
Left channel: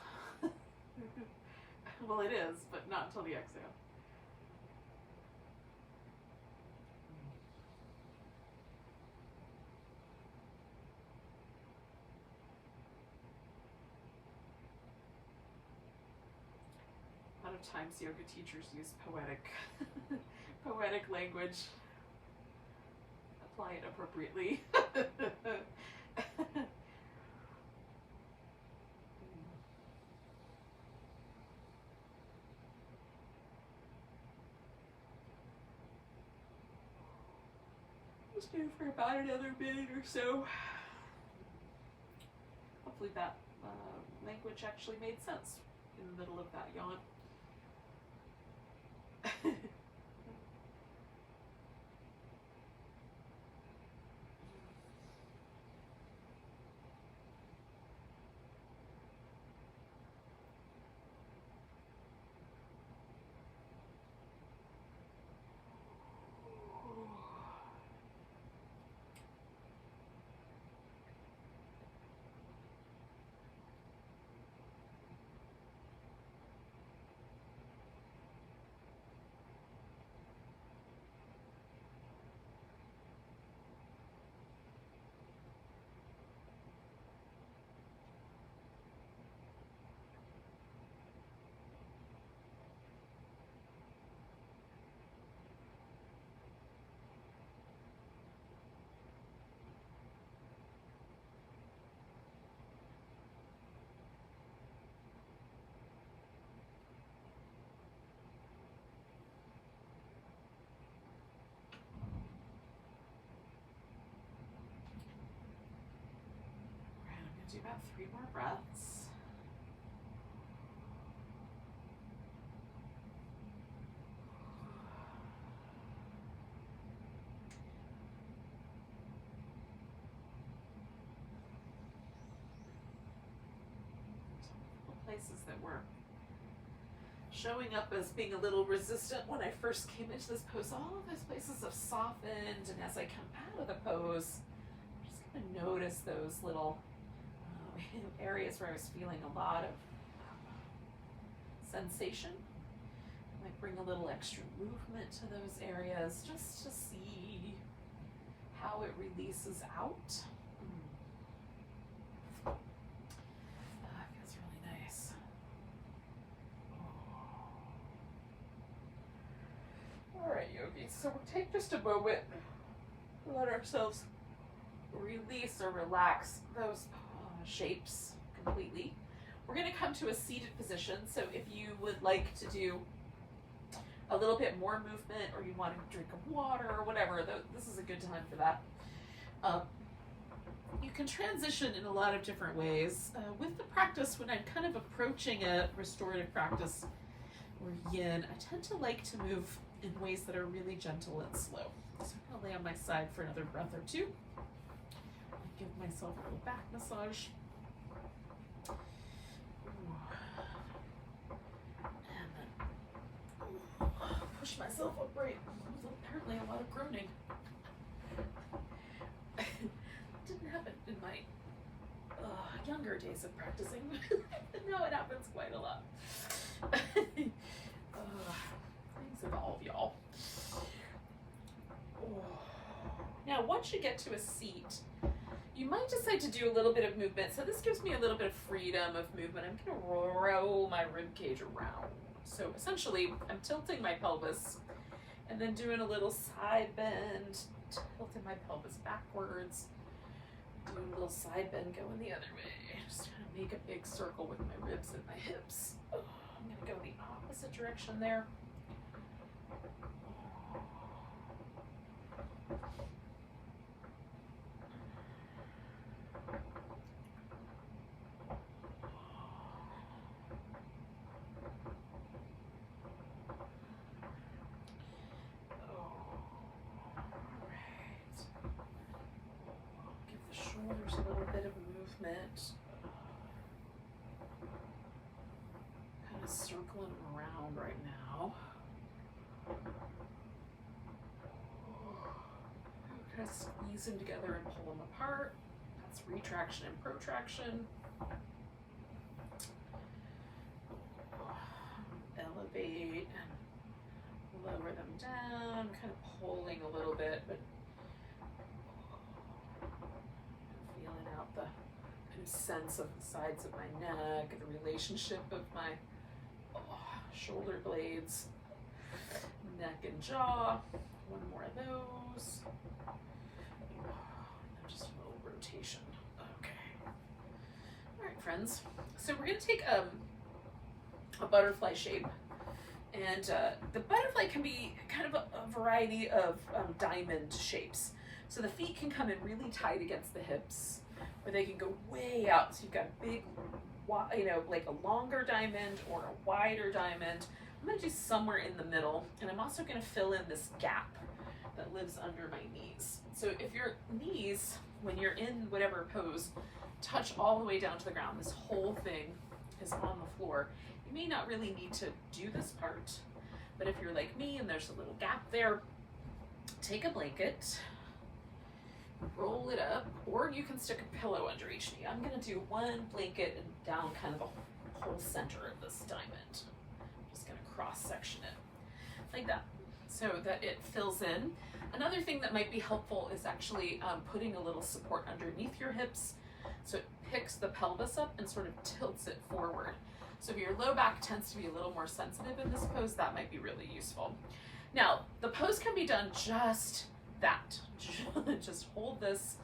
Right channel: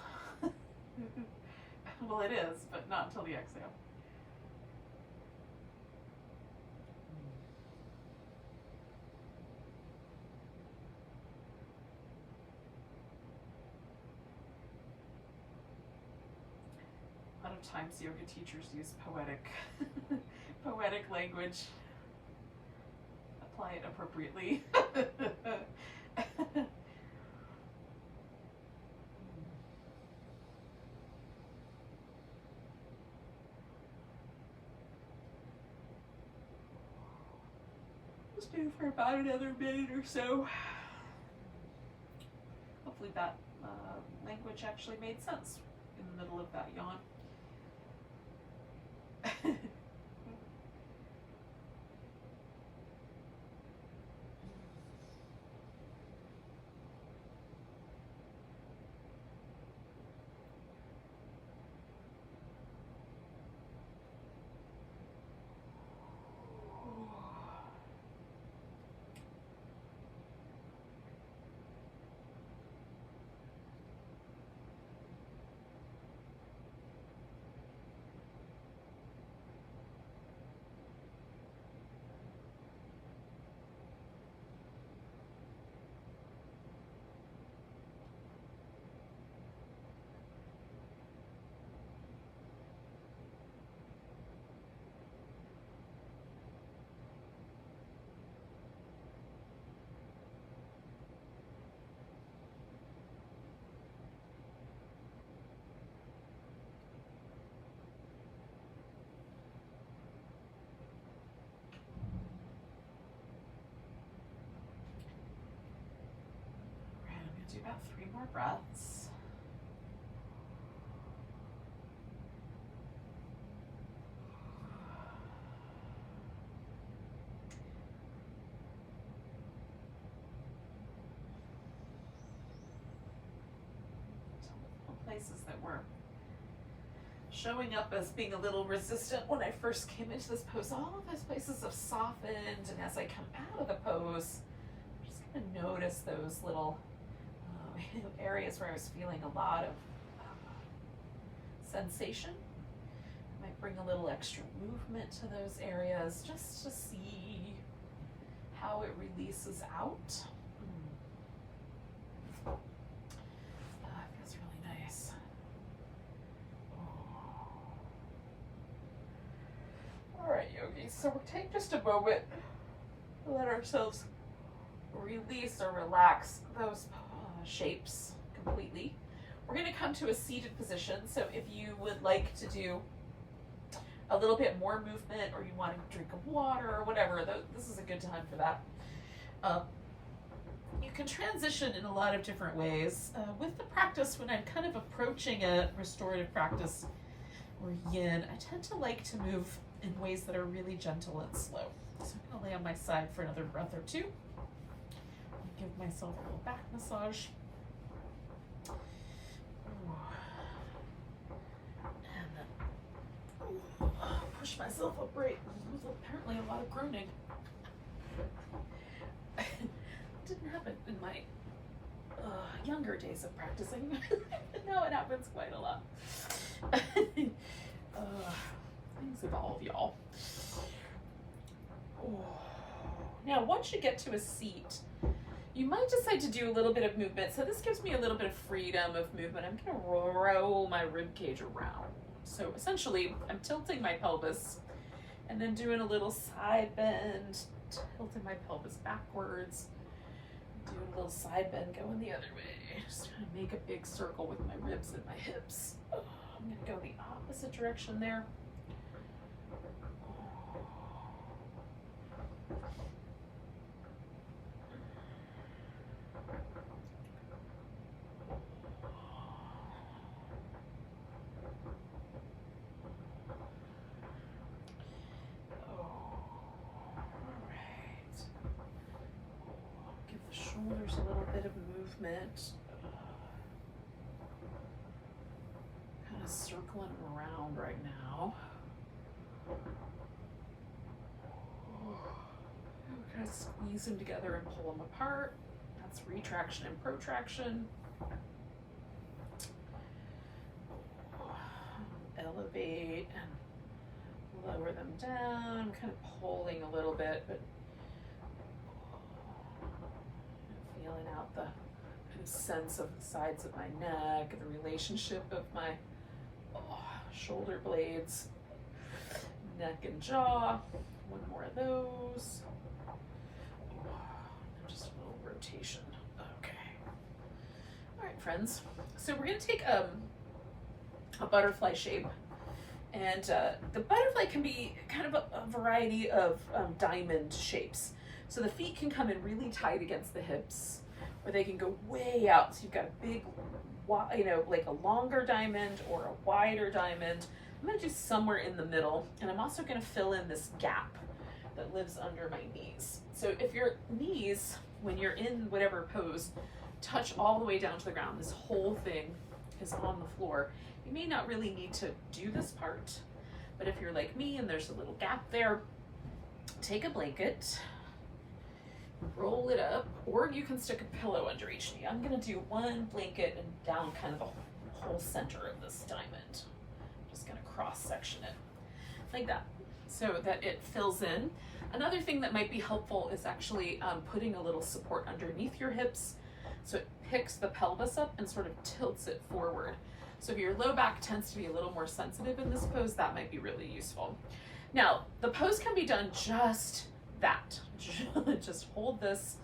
Well, it is, but not until the exhale. A lot of times yoga teachers use poetic language. Apply it appropriately. Just do for about another minute or so. Hopefully that language actually made sense in the middle of that yawn. got 3 more breaths. Places that were showing up as being a little resistant when I first came into this pose, all of those places have softened, and as I come out of the pose, I'm just going to notice those little areas where I was feeling a lot of sensation. I might bring a little extra movement to those areas just to see how it releases out. Feels really nice. All right, yogis, so we'll take just a moment to let ourselves release or relax those shapes completely. We're going to come to a seated position, so if you would like to do a little bit more movement, or you want a drink of water or whatever, this is a good time for that. You can transition in a lot of different ways. With the practice, when I'm kind of approaching a restorative practice or yin, I tend to like to move in ways that are really gentle and slow. So I'm going to lay on my side for another breath or two. Give myself a little back massage. And then push myself upright. There's apparently a lot of groaning. Didn't happen in my younger days of practicing. Now it happens quite a lot. Things evolve, y'all. Now, once you get to a seat, you might decide to do a little bit of movement. So this gives me a little bit of freedom of movement. I'm going to roll my rib cage around. So essentially, I'm tilting my pelvis and then doing a little side bend, tilting my pelvis backwards, doing a little side bend going the other way. Just trying to make a big circle with my ribs and my hips. I'm going to go the opposite direction there. There's a little bit of movement, kind of circling around right now. Kind of squeeze them together and pull them apart. That's retraction and protraction. Elevate and lower them down, kind of pulling a little bit, but feeling out the kind of sense of the sides of my neck, the relationship of my shoulder blades, neck and jaw. One more of those. Just a little rotation. Okay. All right, friends. So we're going to take a butterfly shape. And the butterfly can be kind of a variety of diamond shapes. So the feet can come in really tight against the hips, or they can go way out. So you've got a big, like a longer diamond or a wider diamond. I'm going to do somewhere in the middle, and I'm also going to fill in this gap that lives under my knees. So if your knees, when you're in whatever pose, touch all the way down to the ground, this whole thing is on the floor, you may not really need to do this part. But if you're like me and there's a little gap there, take a blanket, roll it up, or you can stick a pillow under each knee. I'm going to do one blanket and down kind of the whole center of this diamond. I'm just going to cross section it like that so that it fills in. Another thing that might be helpful is actually putting a little support underneath your hips so it picks the pelvis up and sort of tilts it forward. So if your low back tends to be a little more sensitive in this pose, that might be really useful. Now, the pose can be done just that. Just hold this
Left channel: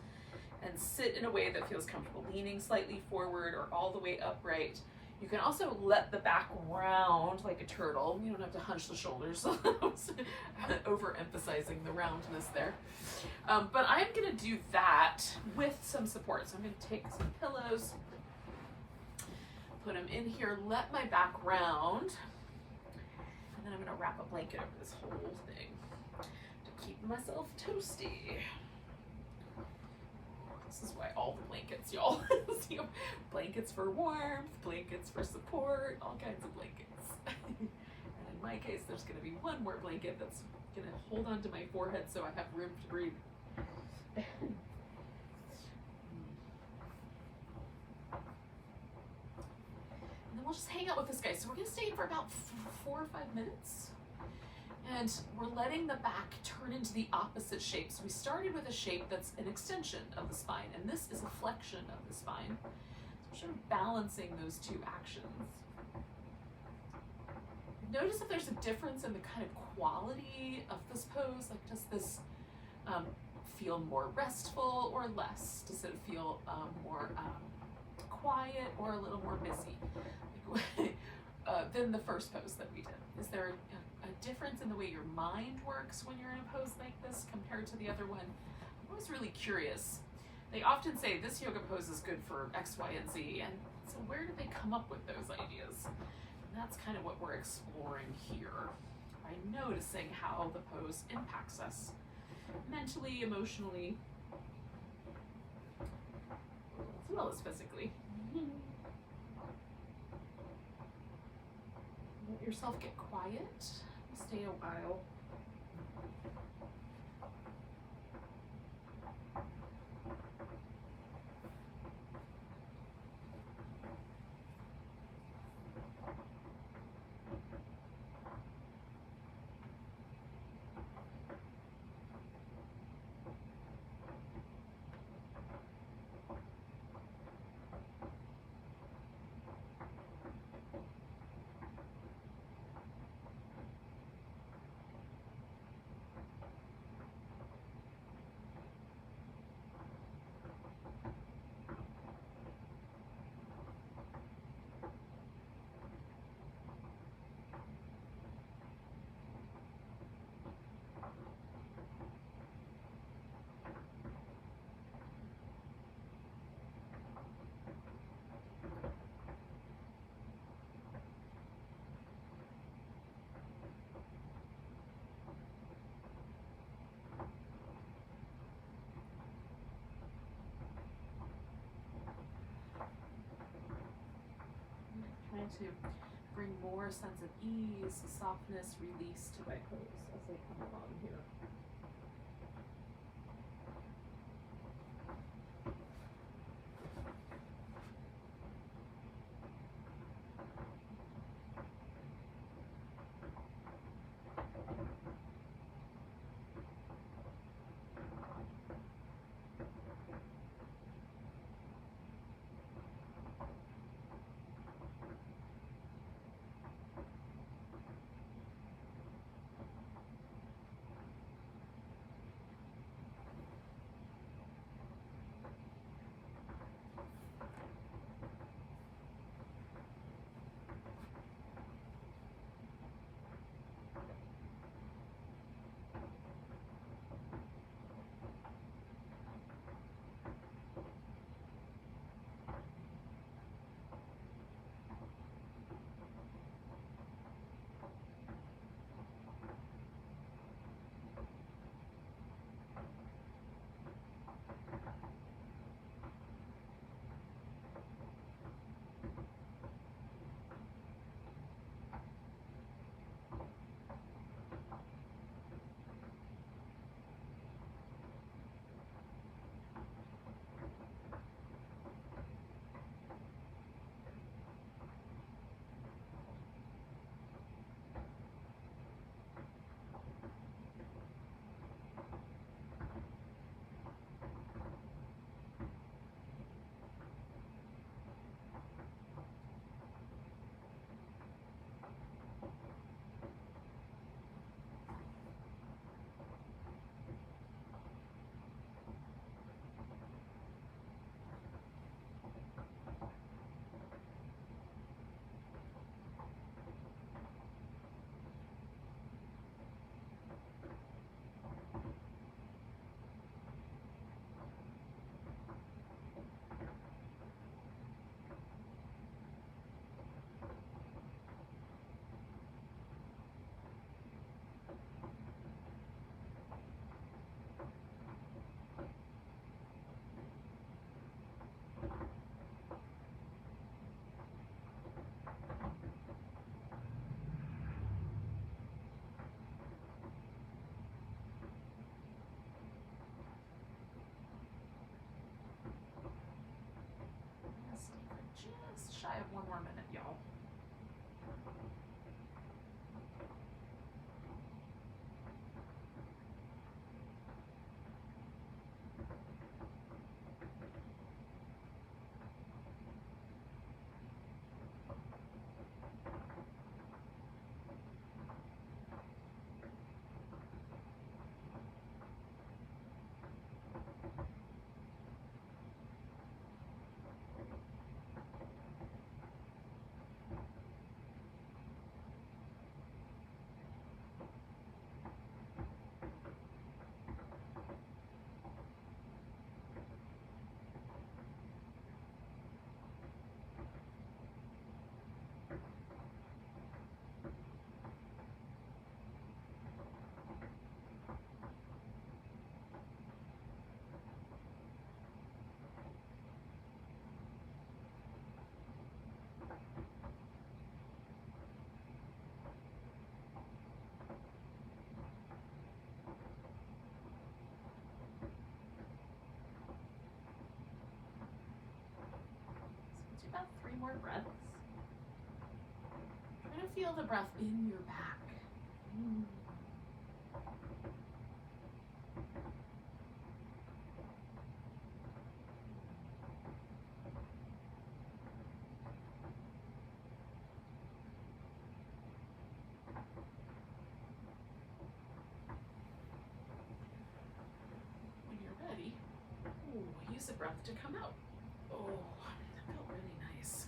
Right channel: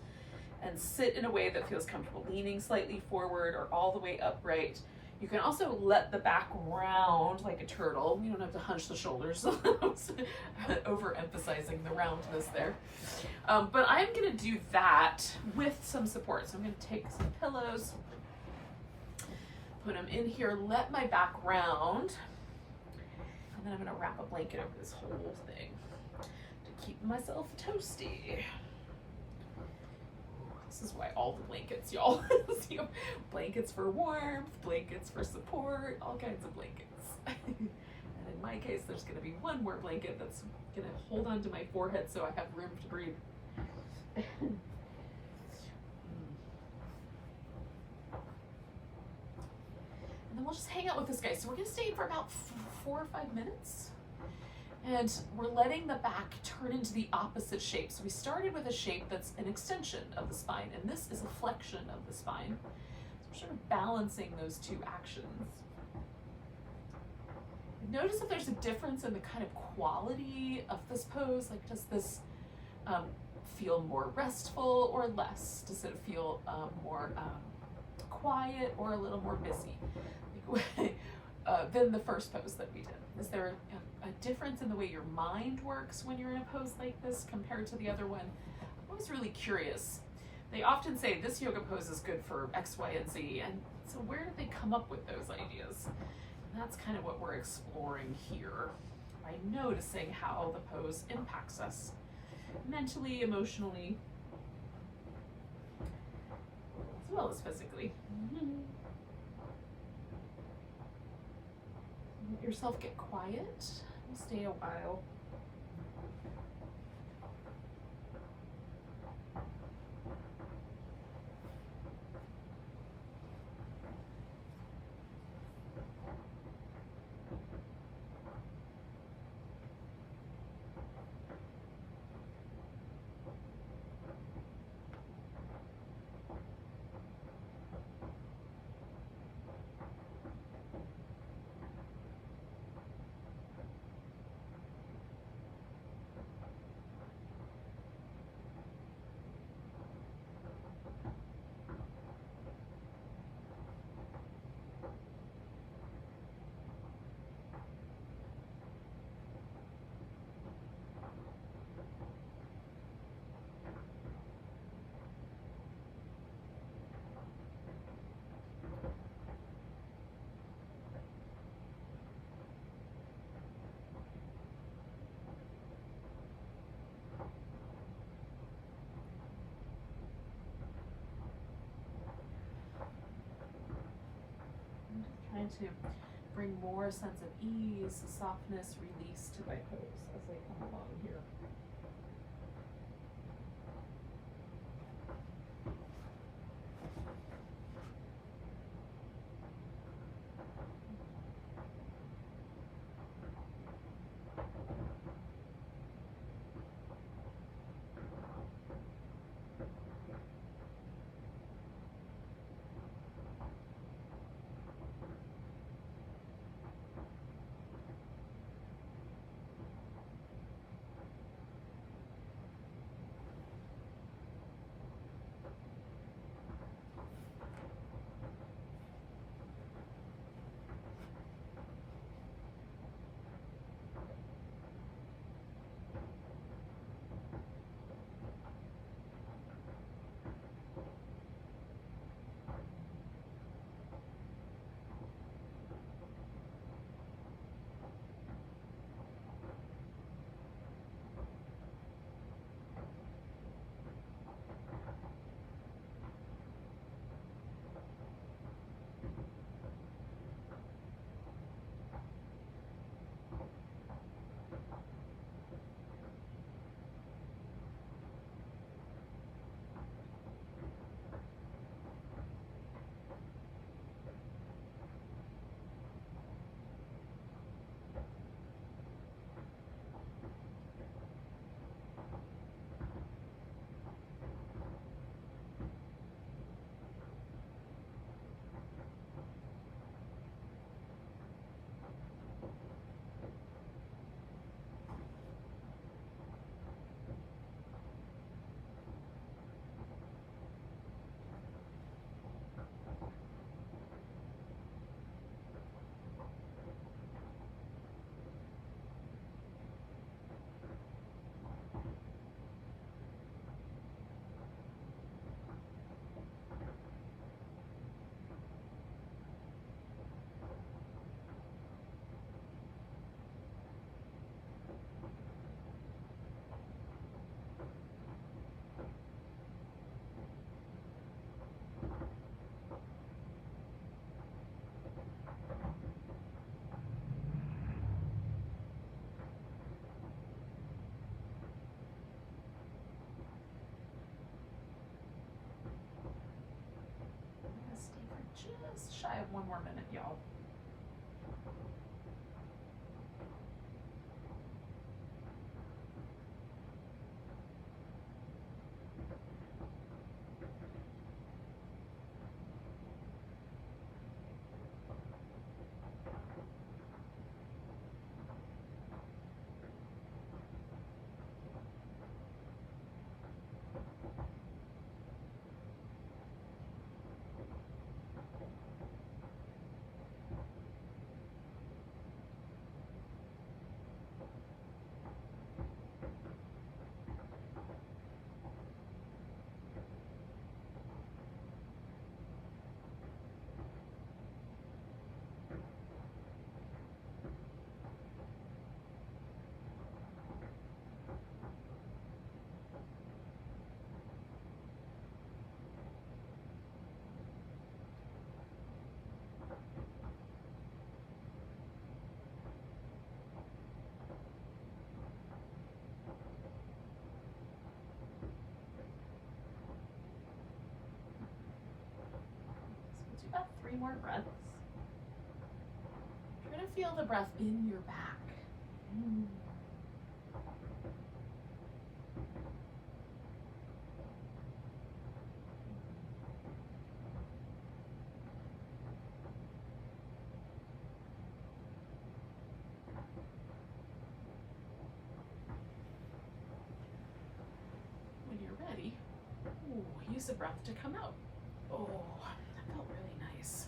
and sit in a way that feels comfortable, leaning slightly forward or all the way upright. You can also let the back round like a turtle. You don't have to hunch the shoulders. Overemphasizing the roundness there. But I'm going to do that with some support. So I'm going to take some pillows, put them in here, let my back round, and then I'm gonna wrap a blanket over this whole thing to keep myself toasty. This is why all the blankets, y'all. See, blankets for warmth, blankets for support, all kinds of blankets. And in my case, there's gonna be one more blanket that's gonna hold onto my forehead so I have room to breathe. And then we'll just hang out with this guy. So we're gonna stay in for about 4 or 5 minutes. And we're letting the back turn into the opposite shape. So we started with a shape that's an extension of the spine, and this is a flexion of the spine. So we're sort of balancing those two actions. Notice if there's a difference in the kind of quality of this pose. Like, does this feel more restful or less? Does it feel more quiet or a little more busy than the first pose that we did? Is there a difference in the way your mind works when you're in a pose like this compared to the other one? I'm always really curious. They often say this yoga pose is good for X, Y, and Z, and so where did they come up with those ideas? And that's kind of what we're exploring here by noticing how the pose impacts us mentally, emotionally, as well as physically. Let yourself get quiet. Stay a while. Trying to bring more sense of ease, softness, release to my pose as I come along here. more breaths. Try to feel the breath in your back. When you're ready, use the breath to come out. Oh, that felt really nice.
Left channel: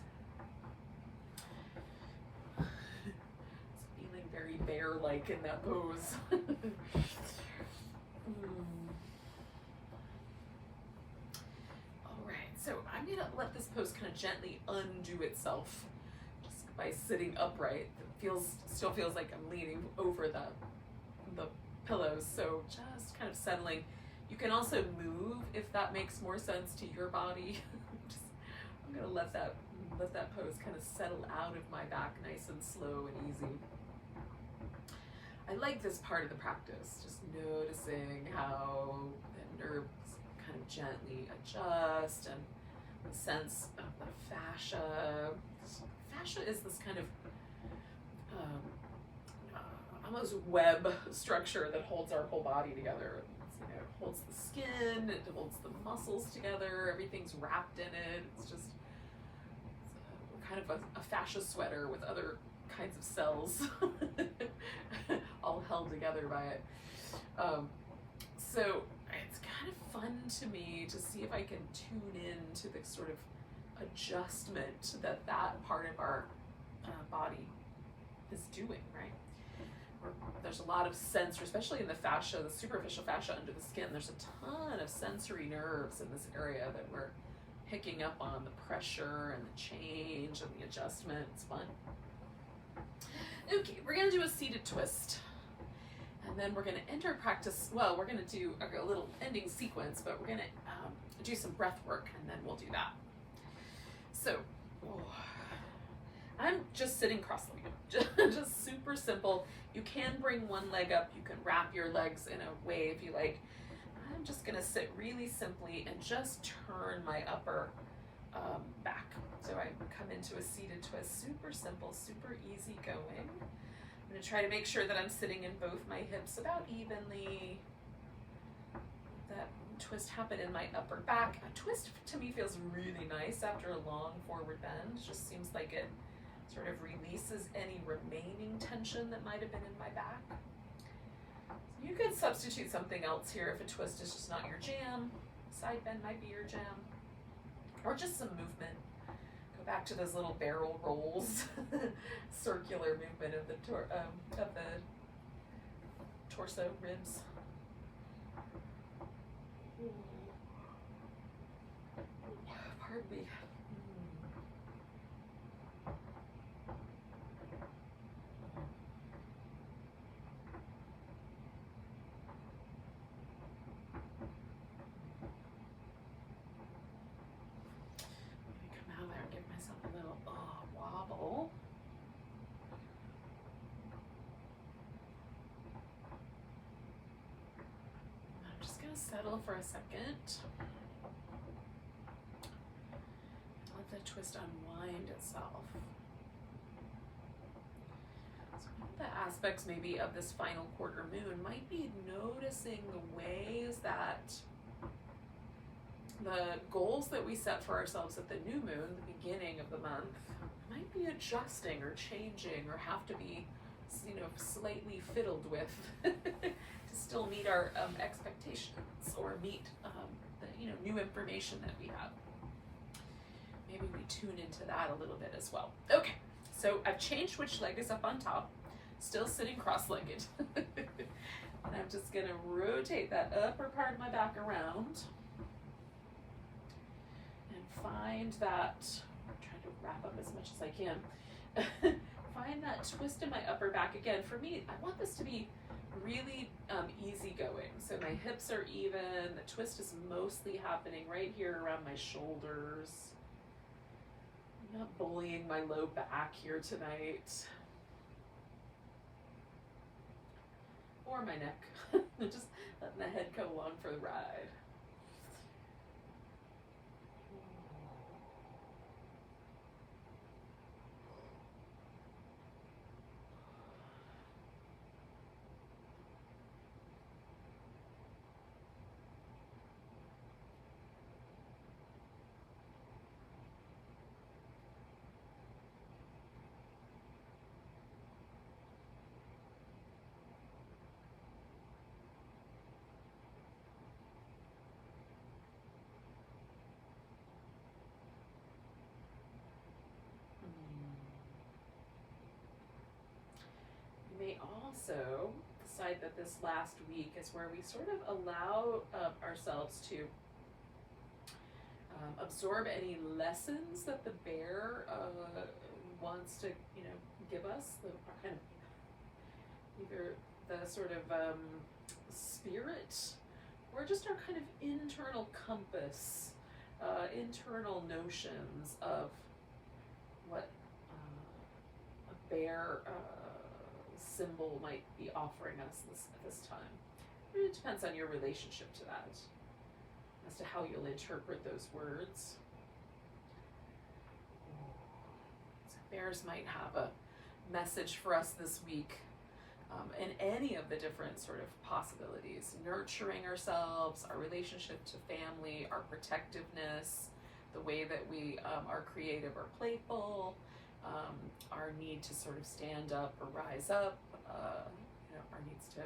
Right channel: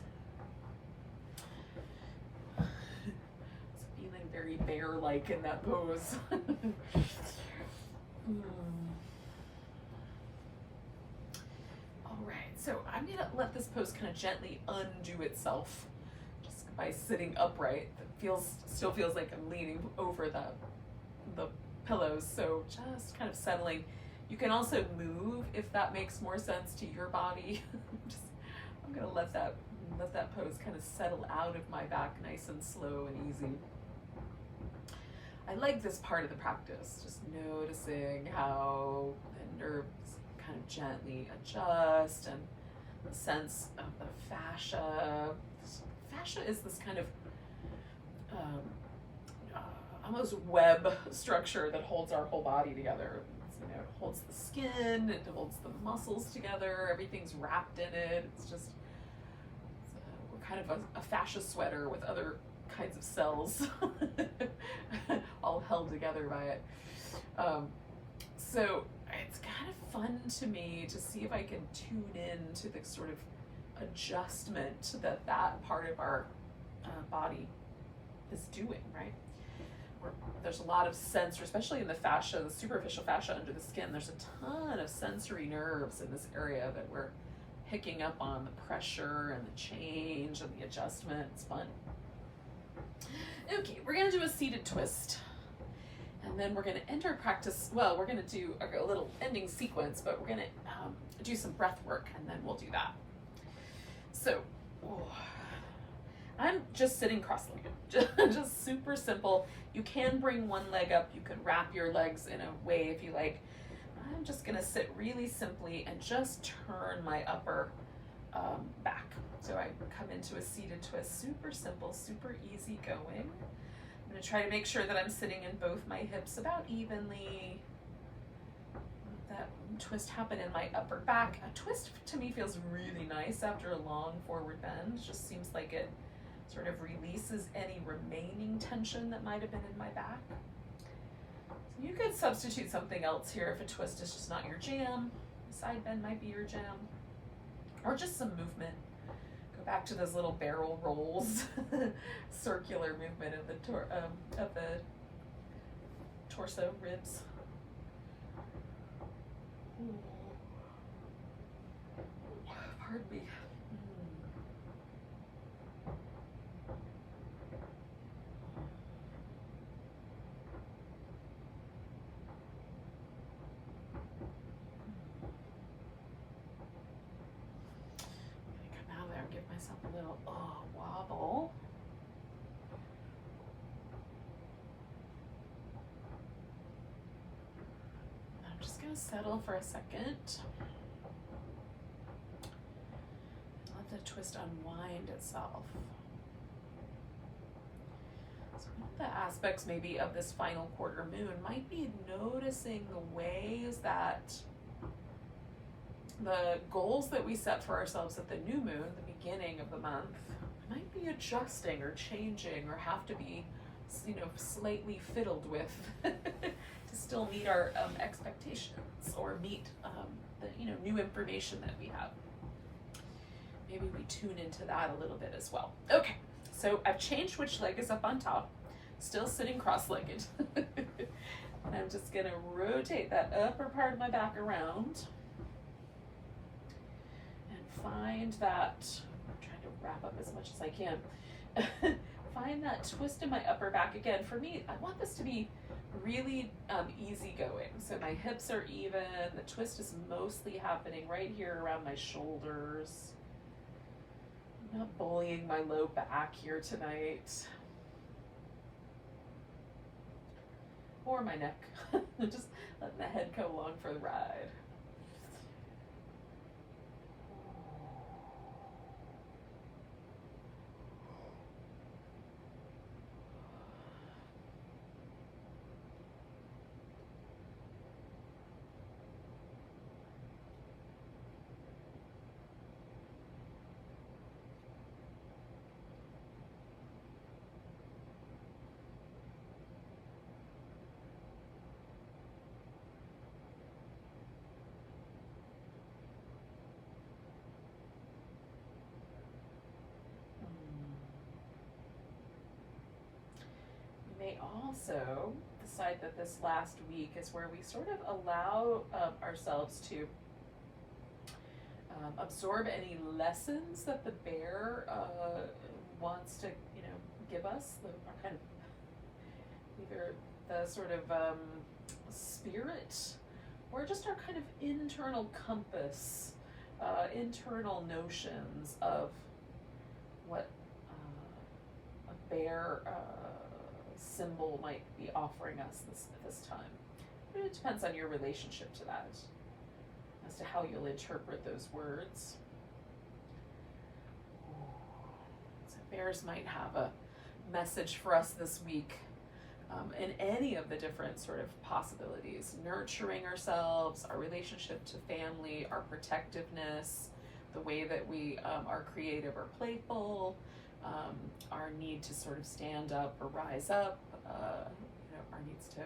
It's feeling very bear-like in that pose. All right, so I'm gonna let this pose kind of gently undo itself just by sitting upright. It still feels like I'm leaning over the pillows, so just kind of settling. You can also move if that makes more sense to your body. I'm gonna let that pose kind of settle out of my back nice and slow and easy. I like this part of the practice, just noticing how the nerves kind of gently adjust and the sense of the fascia. Fascia is this kind of almost web structure that holds our whole body together. It holds the skin, it holds the muscles together, everything's wrapped in it. It's kind of a fascia sweater with other kinds of cells all held together by it. So it's kind of fun to me to see if I can tune in to the sort of adjustment that part of our body is doing, right? There's a lot of sensory, especially in the fascia, the superficial fascia under the skin. There's a ton of sensory nerves in this area that we're picking up on, the pressure and the change and the adjustment. It's fun. Okay, we're gonna do a seated twist. And then we're gonna end our practice, well, we're gonna do a little ending sequence, but we're gonna do some breath work and then we'll do that. So, I'm just sitting cross-legged, just super simple. You can bring one leg up, you can wrap your legs in a way if you like. I'm just gonna sit really simply and just turn my upper back. So I come into a seated twist, super simple, super easy going. I'm gonna try to make sure that I'm sitting in both my hips about evenly. That twist happen in my upper back. A twist to me feels really nice after a long forward bend. Just seems like it sort of releases any remaining tension that might have been in my back. So you could substitute something else here if a twist is just not your jam. Side bend might be your jam. Or just some movement. Go back to those little barrel rolls. Circular movement of the torso, ribs. Pardon me. Wobble. I'm just going to settle for a second. Let the twist unwind itself. So one of the aspects maybe of this final quarter moon might be noticing the ways that the goals that we set for ourselves at the new moon, the beginning of the month, might be adjusting or changing or have to be, slightly fiddled with to still meet our expectations or meet the new information that we have. Maybe we tune into that a little bit as well. Okay, so I've changed which leg is up on top, still sitting cross-legged. And I'm just gonna rotate that upper part of my back around and find that, wrap up as much as I can. Find that twist in my upper back. Again, for me, I want this to be really easy going. So my hips are even. The twist is mostly happening right here around my shoulders. I'm not bullying my low back here tonight. Or my neck. Just letting the head go along for the ride. may also decide that this last week is where we sort of allow ourselves to absorb any lessons that the bear wants to, give us, the kind of either the sort of spirit or just our kind of internal compass, internal notions of what a bear symbol might be offering us this time. It depends on your relationship to that, as to how you'll interpret those words. So bears might have a message for us this week in any of the different sort of possibilities. Nurturing ourselves, our relationship to family, our protectiveness, the way that we are creative or playful, our need to sort of stand up or rise up, our needs to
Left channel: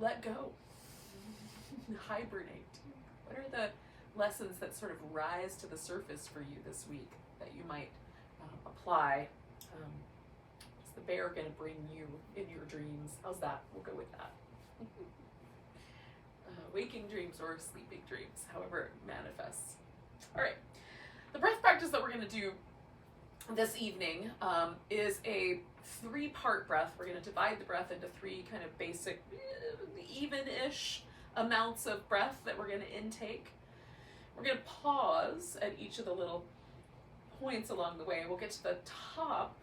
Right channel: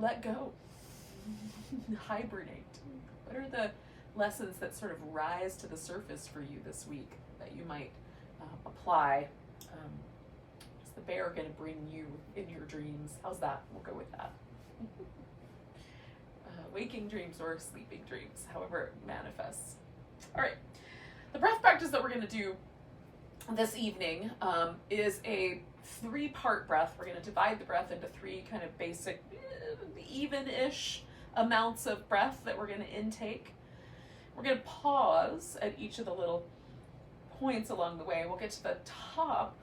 let go, hibernate. What are the lessons that sort of rise to the surface for you this week that you might apply? Is the bear going to bring you in your dreams? How's that? We'll go with that. Waking dreams or sleeping dreams, however it manifests. All right. The breath practice that we're going to do this evening is a 3-part breath. We're going to divide the breath into 3 kind of basic, even-ish amounts of breath that we're going to intake. We're going to pause at each of the little points along the way. We'll get to the top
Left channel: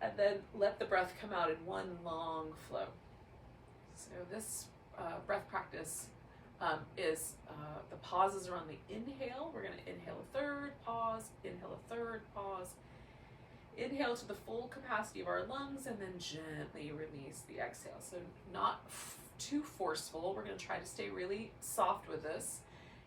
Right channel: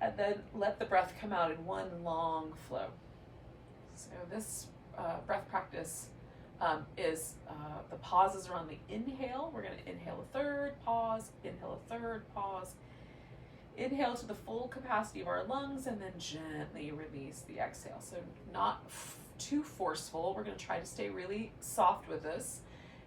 and then let the breath come out in one long flow. So this breath practice is the pauses are on the inhale. We're going to inhale a third, pause, inhale a third, pause. Inhale to the full capacity of our lungs and then gently release the exhale. So not too forceful. We're going to try to stay really soft with this.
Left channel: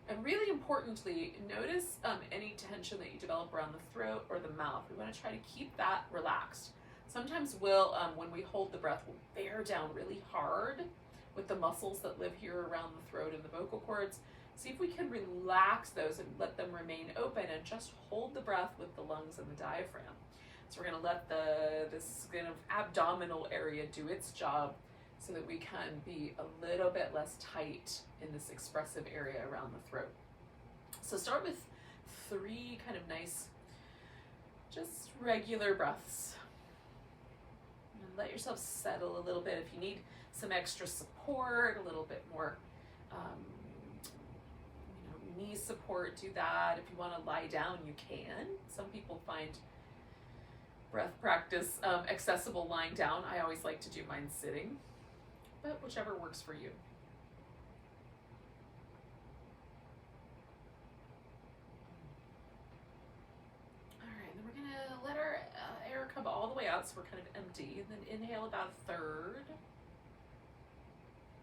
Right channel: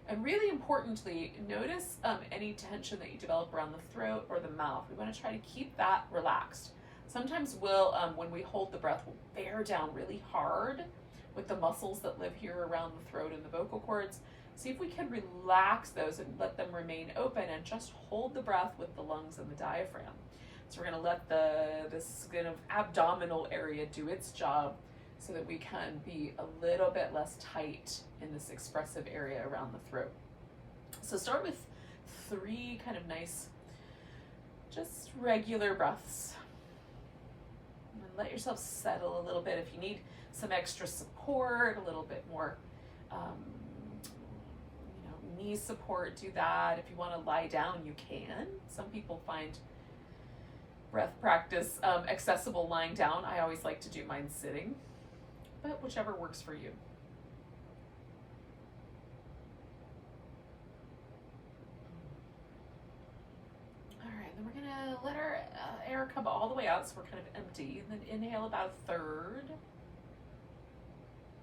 And really importantly, notice any tension that you develop around the throat or the mouth. We want to try to keep that relaxed. Sometimes we'll, when we hold the breath, we'll bear down really hard with the muscles that live here around the throat and the vocal cords. See if we can relax those and let them remain open and just hold the breath with the lungs and the diaphragm. So we're going to let this kind of abdominal area do its job so that we can be a little bit less tight in this expressive area around the throat. So start with 3 kind of nice, just regular breaths. And let yourself settle a little bit. If you need some extra support, a little bit more knee support, do that. If you want to lie down, you can. Some people find breath practice accessible lying down. I always like to do mine sitting, but whichever works for you. All right, then we're gonna let our air come all the way out, so we're kind of empty, and then inhale about a third,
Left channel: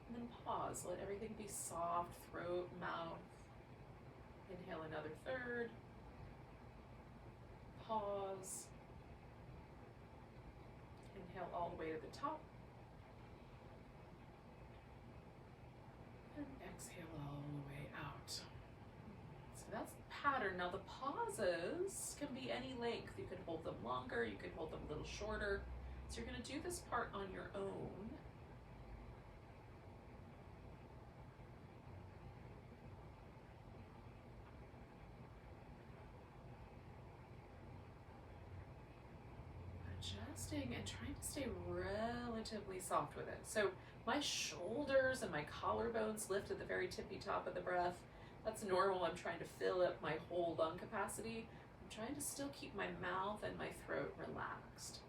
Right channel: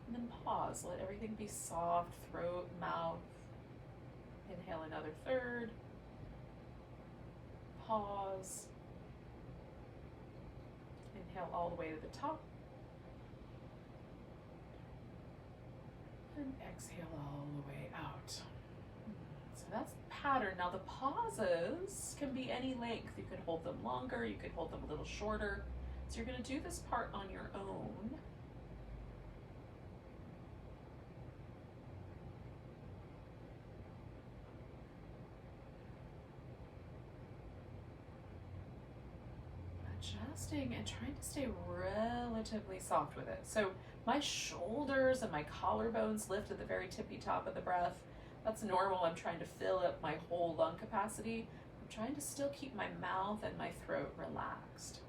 and then pause. Let everything be soft, throat, mouth. Inhale another third, pause. Inhale all the way to the top. And exhale all the way out. So that's the pattern. Now the pauses can be any length. You could hold them longer, you could hold them a little shorter. So you're going to do this part on your own. Adjusting and trying to stay relatively soft with it. So my shoulders and my collarbones lift at the very tippy top of the breath. That's normal. I'm trying to fill up my whole lung capacity. I'm trying to still keep my mouth and my throat relaxed.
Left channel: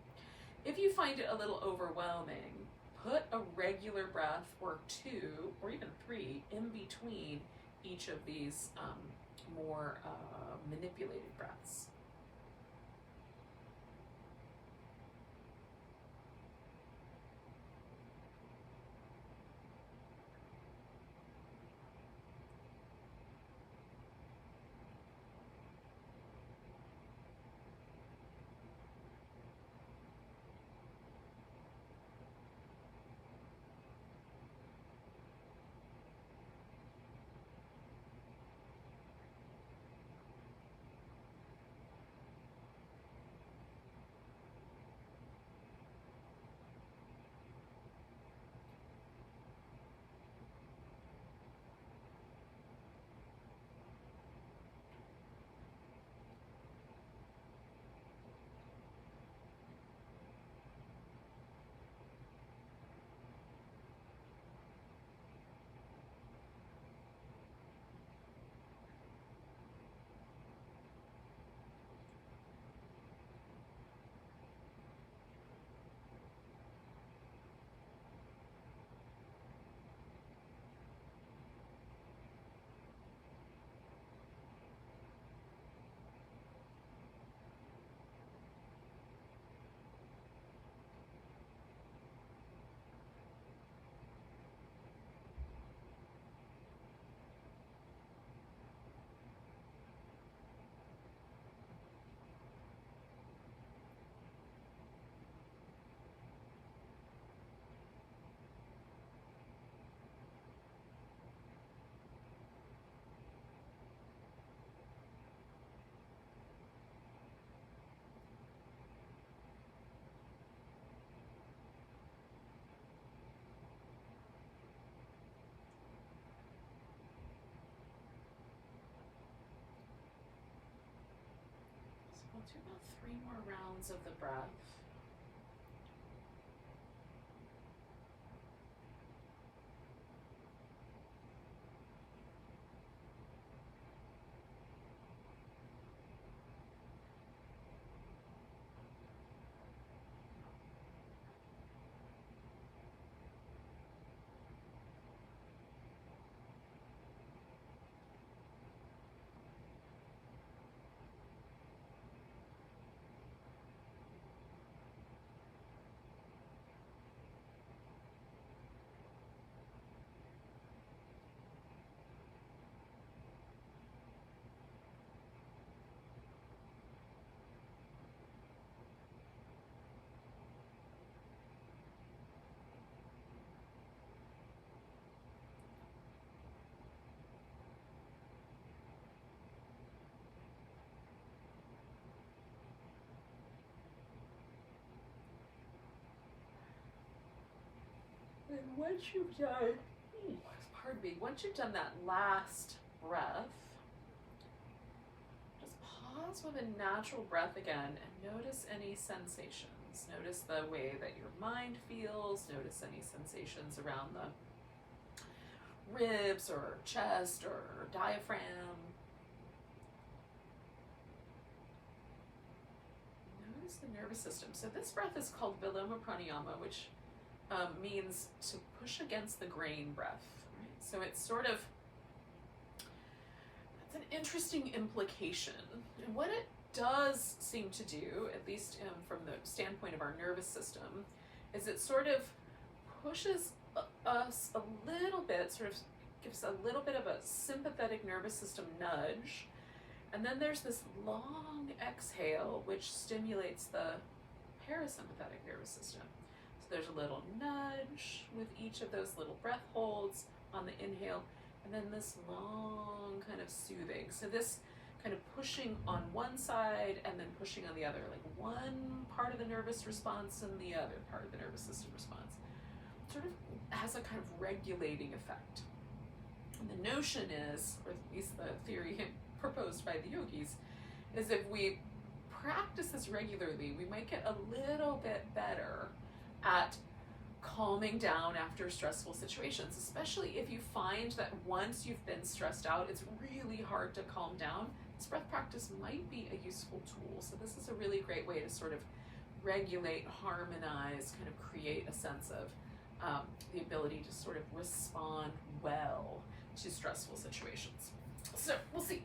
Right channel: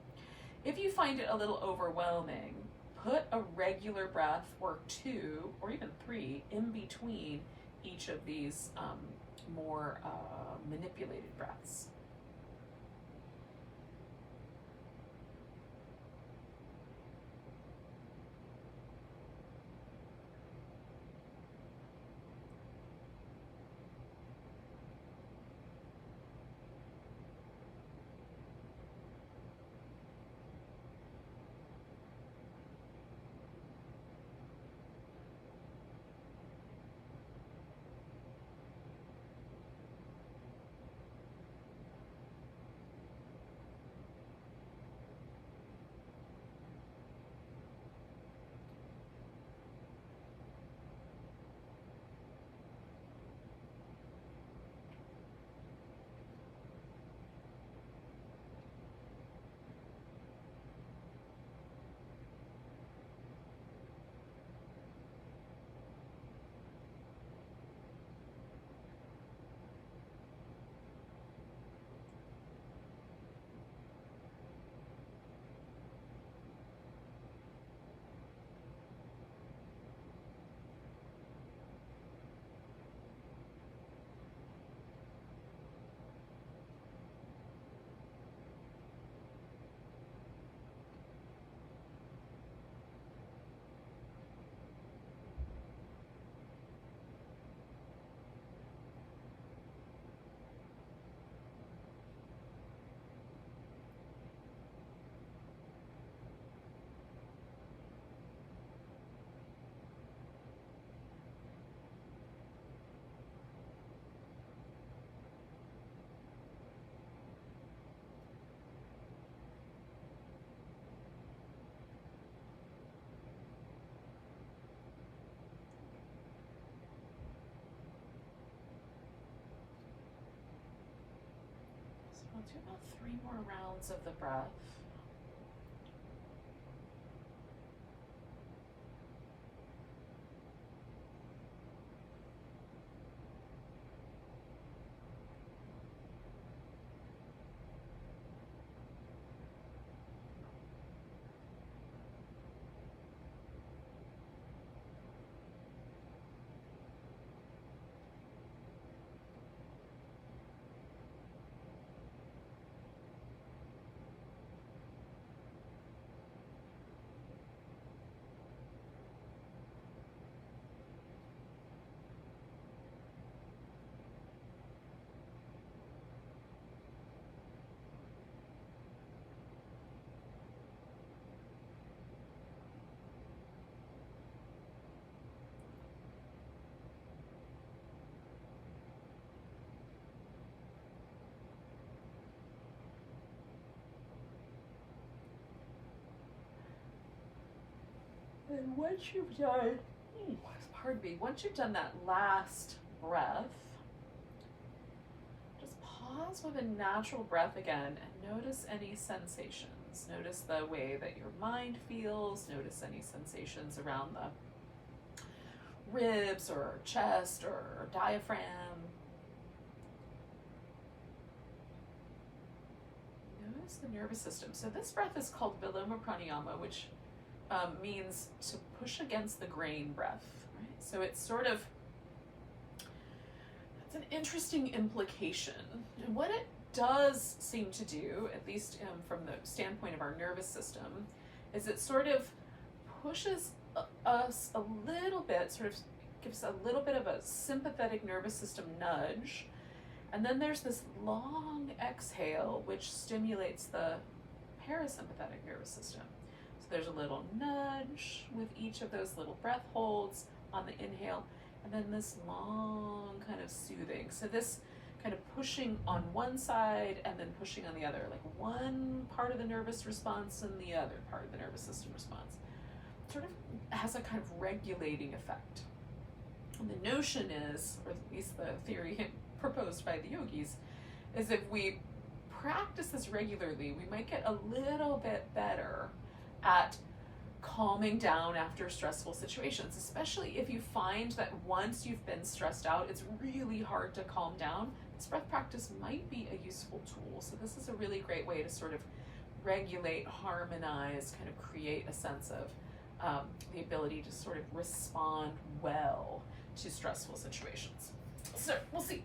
If you find it a little overwhelming, put a regular breath or 2 or even 3 in between each of these more manipulated breaths. 3 more rounds of the breath. And once you've done, pardon me, once you've done that last breath, just pause with a natural breath again and notice any sensations. Notice the way that your mind feels. Notice any sensations around the ribs or chest or diaphragm. Notice the nervous system. So this breath is called Viloma Pranayama, which means to push against the grain breath, right? So it's sort of, that's an interesting implication. And what it does seem to do, at least from the standpoint of our nervous system, is it sort of pushes us a little bit, sort of gives a little bit of a sympathetic nervous system nudge. And then there's this long exhale, which stimulates the parasympathetic nervous system. There's a little nudge with each of those little breath holds on the inhale, and then this long kind of soothing. So this kind of pushing on one side and then pushing on the other, like one part of the nervous response and the other part of the nervous system response. Sort of has a kind of regulating effect. And the notion is, or at least the theory proposed by the yogis, is if we practice this regularly, we might get a little bit better at calming down after stressful situations, especially if you find that once you've been stressed out, it's really hard to calm down. This breath practice might be a useful tool. So this is a really great way to sort of regulate, harmonize, kind of create a sense of the ability to sort of respond well to stressful situations. So we'll see.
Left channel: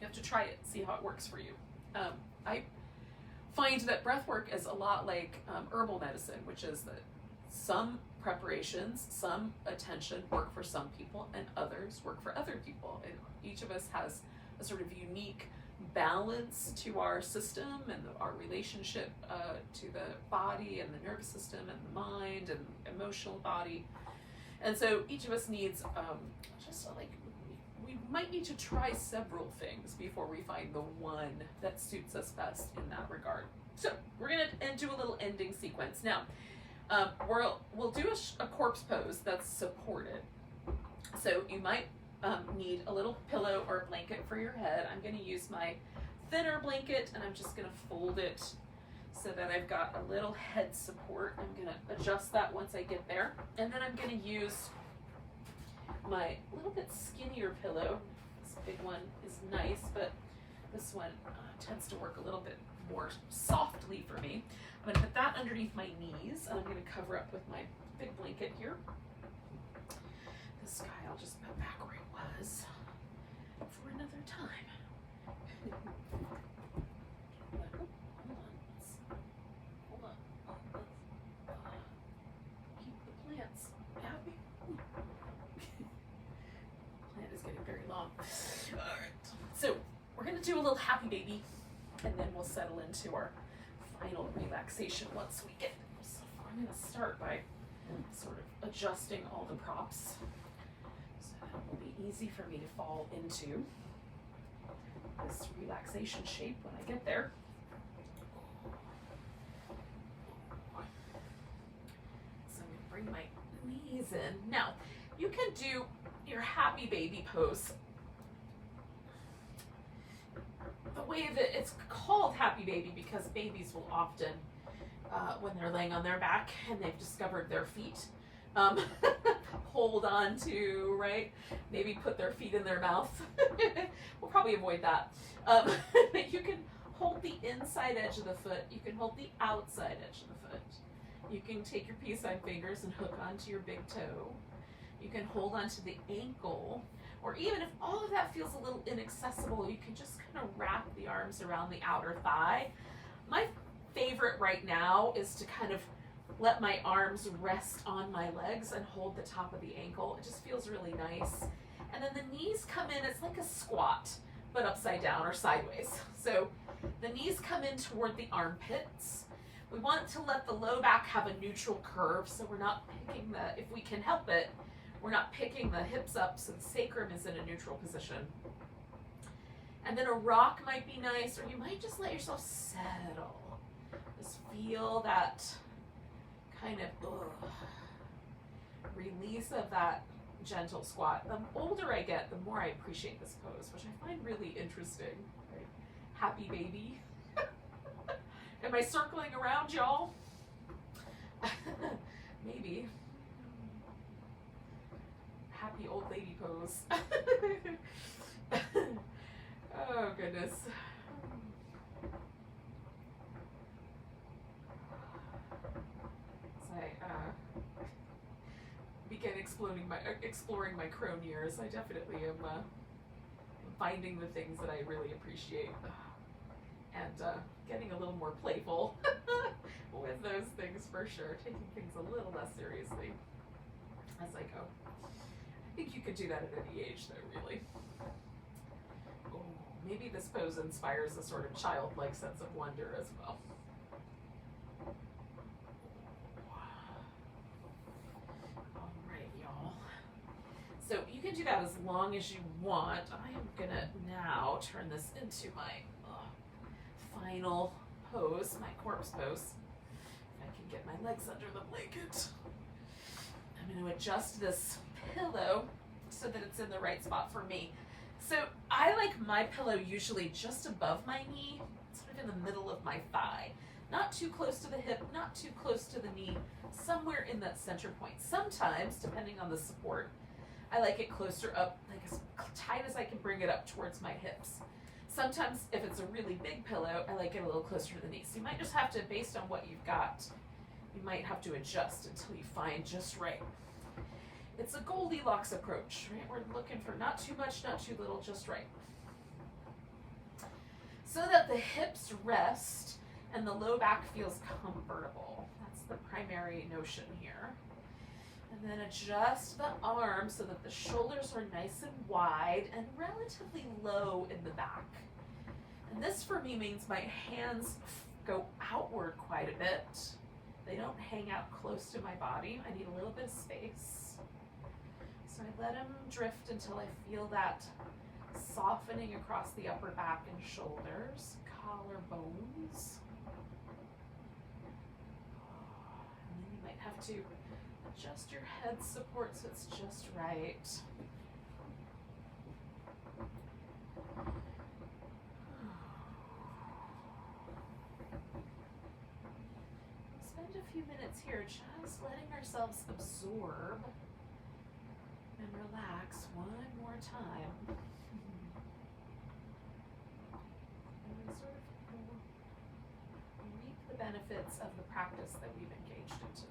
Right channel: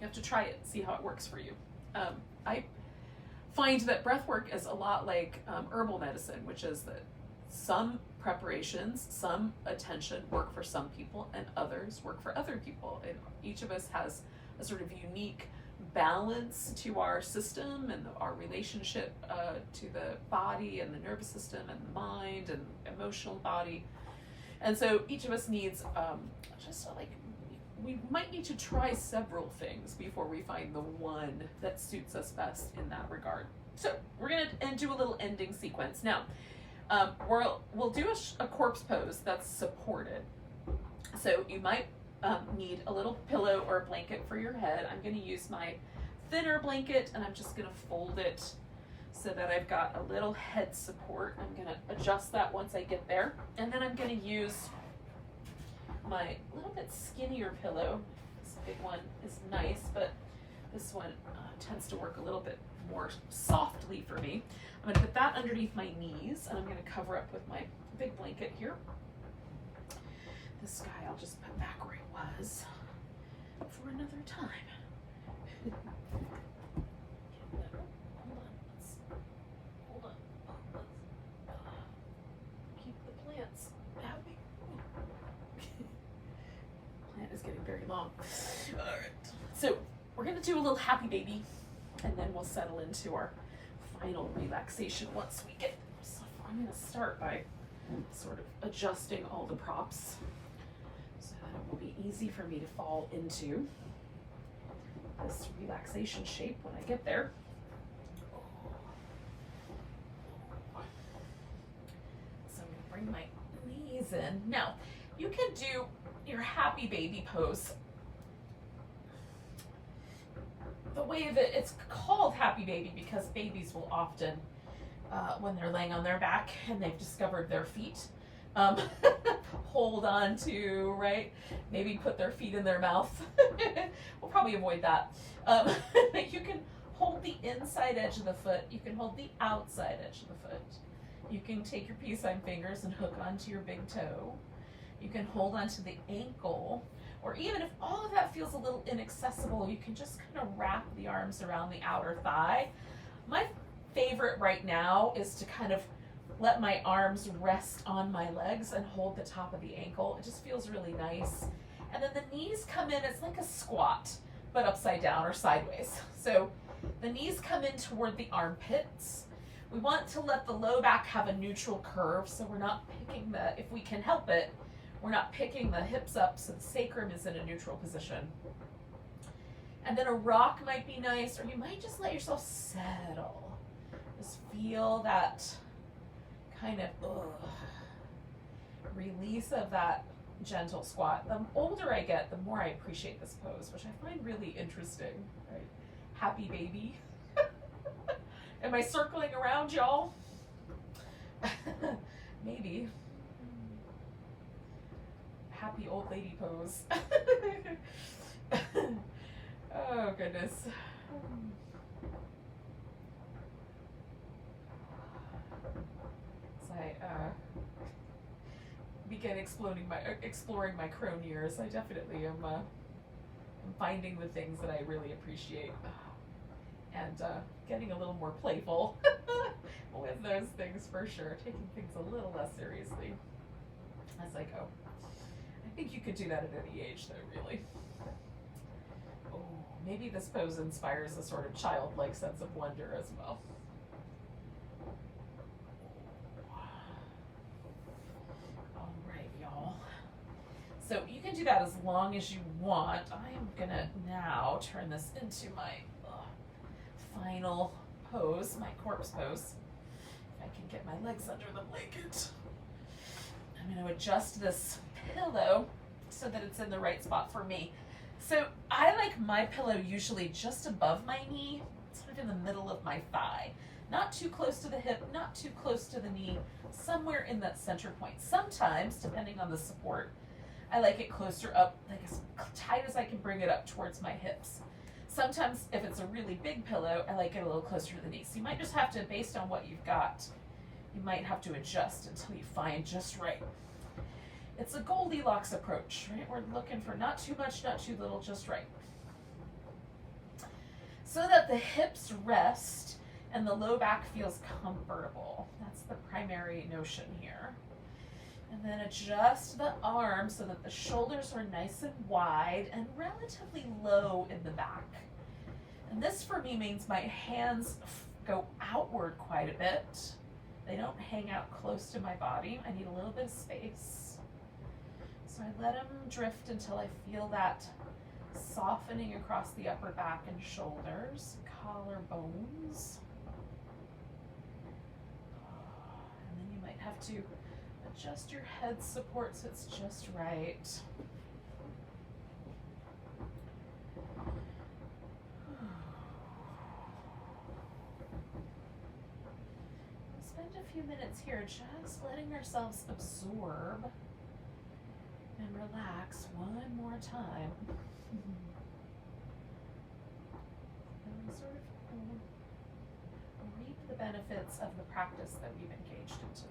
You have to try it, see how it works for you. I find that breath work is a lot like herbal medicine, which is that some preparations, some attention work for some people and others work for other people. And each of us has a sort of unique balance to our system and our relationship to the body and the nervous system and the mind and emotional body. And so each of us needs we might need to try several things before we find the one that suits us best in that regard. So we're gonna do a little ending sequence. Now, we'll do a corpse pose that's supported. So you might need a little pillow or a blanket for your head. I'm gonna use my thinner blanket and I'm just gonna fold it so that I've got a little head support. I'm gonna adjust that once I get there. And then I'm gonna use my little bit skinnier pillow. This big one is nice, but this one tends to work a little bit more softly for me. I'm going to put that underneath my knees, and I'm going to cover up with my big blanket here. This guy I'll just put back where it was for another time. Hold on. Keep the plants happy. Plant is getting very long. All right. So we're going to do a little happy baby, and then we'll settle into our final relaxation once we get. So I'm going to start by sort of adjusting all the props so that it will be easy for me to fall into this relaxation shape when I get there. So I'm going to bring my knees in. Now, you can do your happy baby pose the way that it's called happy baby because babies will often, when they're laying on their back and they've discovered their feet, um, hold on to, right? Maybe put their feet in their mouth. We'll probably avoid that. You can hold the inside edge of the foot. You can hold the outside edge of the foot. You can take your peace sign fingers and hook onto your big toe. You can hold onto the ankle, or even if all of that feels a little inaccessible, you can just kind of wrap the arms around the outer thigh. My favorite right now is to kind of let my arms rest on my legs and hold the top of the ankle. It just feels really nice. And then the knees come in, it's like a squat, but upside down or sideways. So the knees come in toward the armpits. We want to let the low back have a neutral curve, so we're not picking the, if we can help it, we're not picking the hips up so the sacrum is in a neutral position. And then a rock might be nice, or you might just let yourself settle. Just feel that kind of release of that gentle squat. The older I get, the more I appreciate this pose, which I find really interesting. Right? Happy baby. Am I circling around, y'all? Maybe. Happy old lady pose. Oh, goodness. As I begin exploring my crone years, I definitely am finding the things that I really appreciate. And getting a little more playful with those things for sure. Taking things a little less seriously as I go. I think you could do that at any age though, really. Oh, maybe this pose inspires a sort of childlike sense of wonder as well. All right, y'all. So you can do that as long as you want. I am gonna now turn this into my final pose, my corpse pose. If I can get my legs under the blanket. I'm going to adjust this pillow so that it's in the right spot for me. So I like my pillow usually just above my knee, sort of in the middle of my thigh. Not too close to the hip, not too close to the knee, somewhere in that center point. Sometimes, depending on the support, I like it closer up, like as tight as I can bring it up towards my hips. Sometimes, if it's a really big pillow, I like it a little closer to the knee. So you might just have to, based on what you've got, you might have to adjust until you find just right. It's a Goldilocks approach, right? We're looking for not too much, not too little, just right. So that the hips rest and the low back feels comfortable. That's the primary notion here. And then adjust the arms so that the shoulders are nice and wide and relatively low in the back. And this for me means my hands go outward quite a bit. They don't hang out close to my body. I need a little bit of space. So I let them drift until I feel that softening across the upper back and shoulders, collarbones. And then you might have to adjust your head support so it's just right. We'll spend a few minutes here just letting ourselves absorb and relax one more time. And we sort of reap the benefits of the practice that we've engaged in tonight.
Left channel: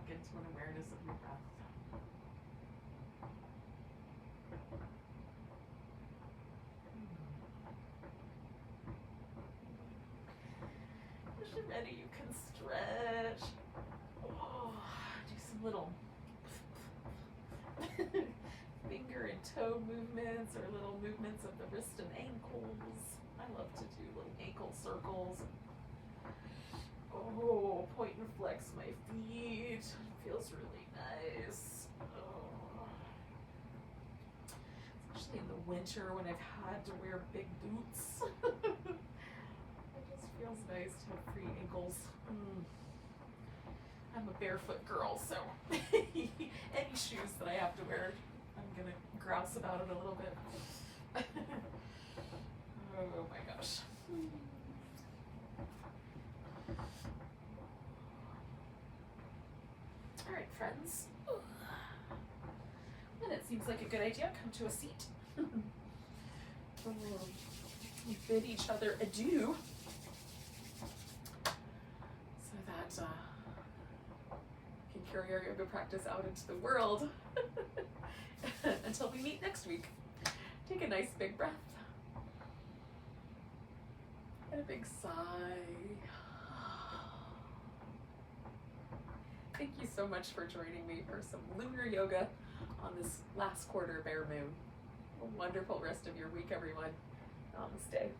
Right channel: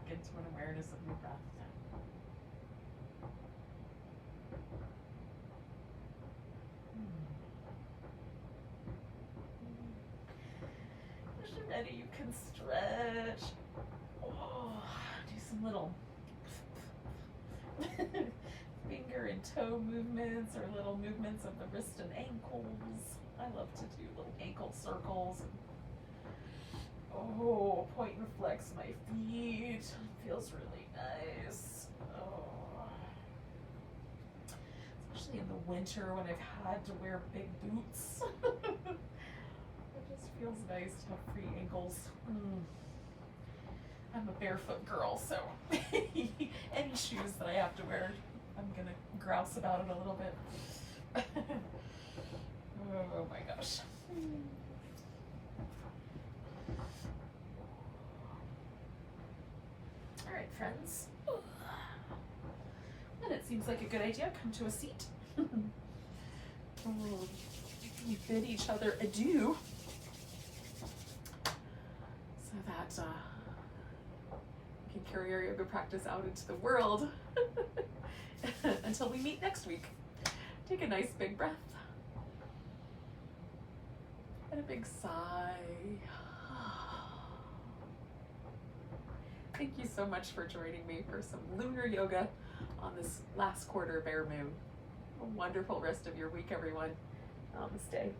back into an awareness of your breath. Once you're ready, you can stretch. Oh, do some little finger and toe movements or little movements of the wrist and ankles. I love to do little ankle circles. Oh, point and flex my feet. Feels really nice. Oh. Especially in the winter when I've had to wear big boots. It just feels nice to have free ankles. I'm a barefoot girl, so any shoes that I have to wear, I'm gonna grouse about it a little bit. Oh my gosh. All right, friends. And it seems like a good idea. Come to a seat. We bid each other adieu so that we can carry our yoga practice out into the world until we meet next week. Take a nice big breath and a big sigh. Thank you so much for joining me for some lunar yoga on this last quarter bare moon. A wonderful rest of your week, everyone. Namaste.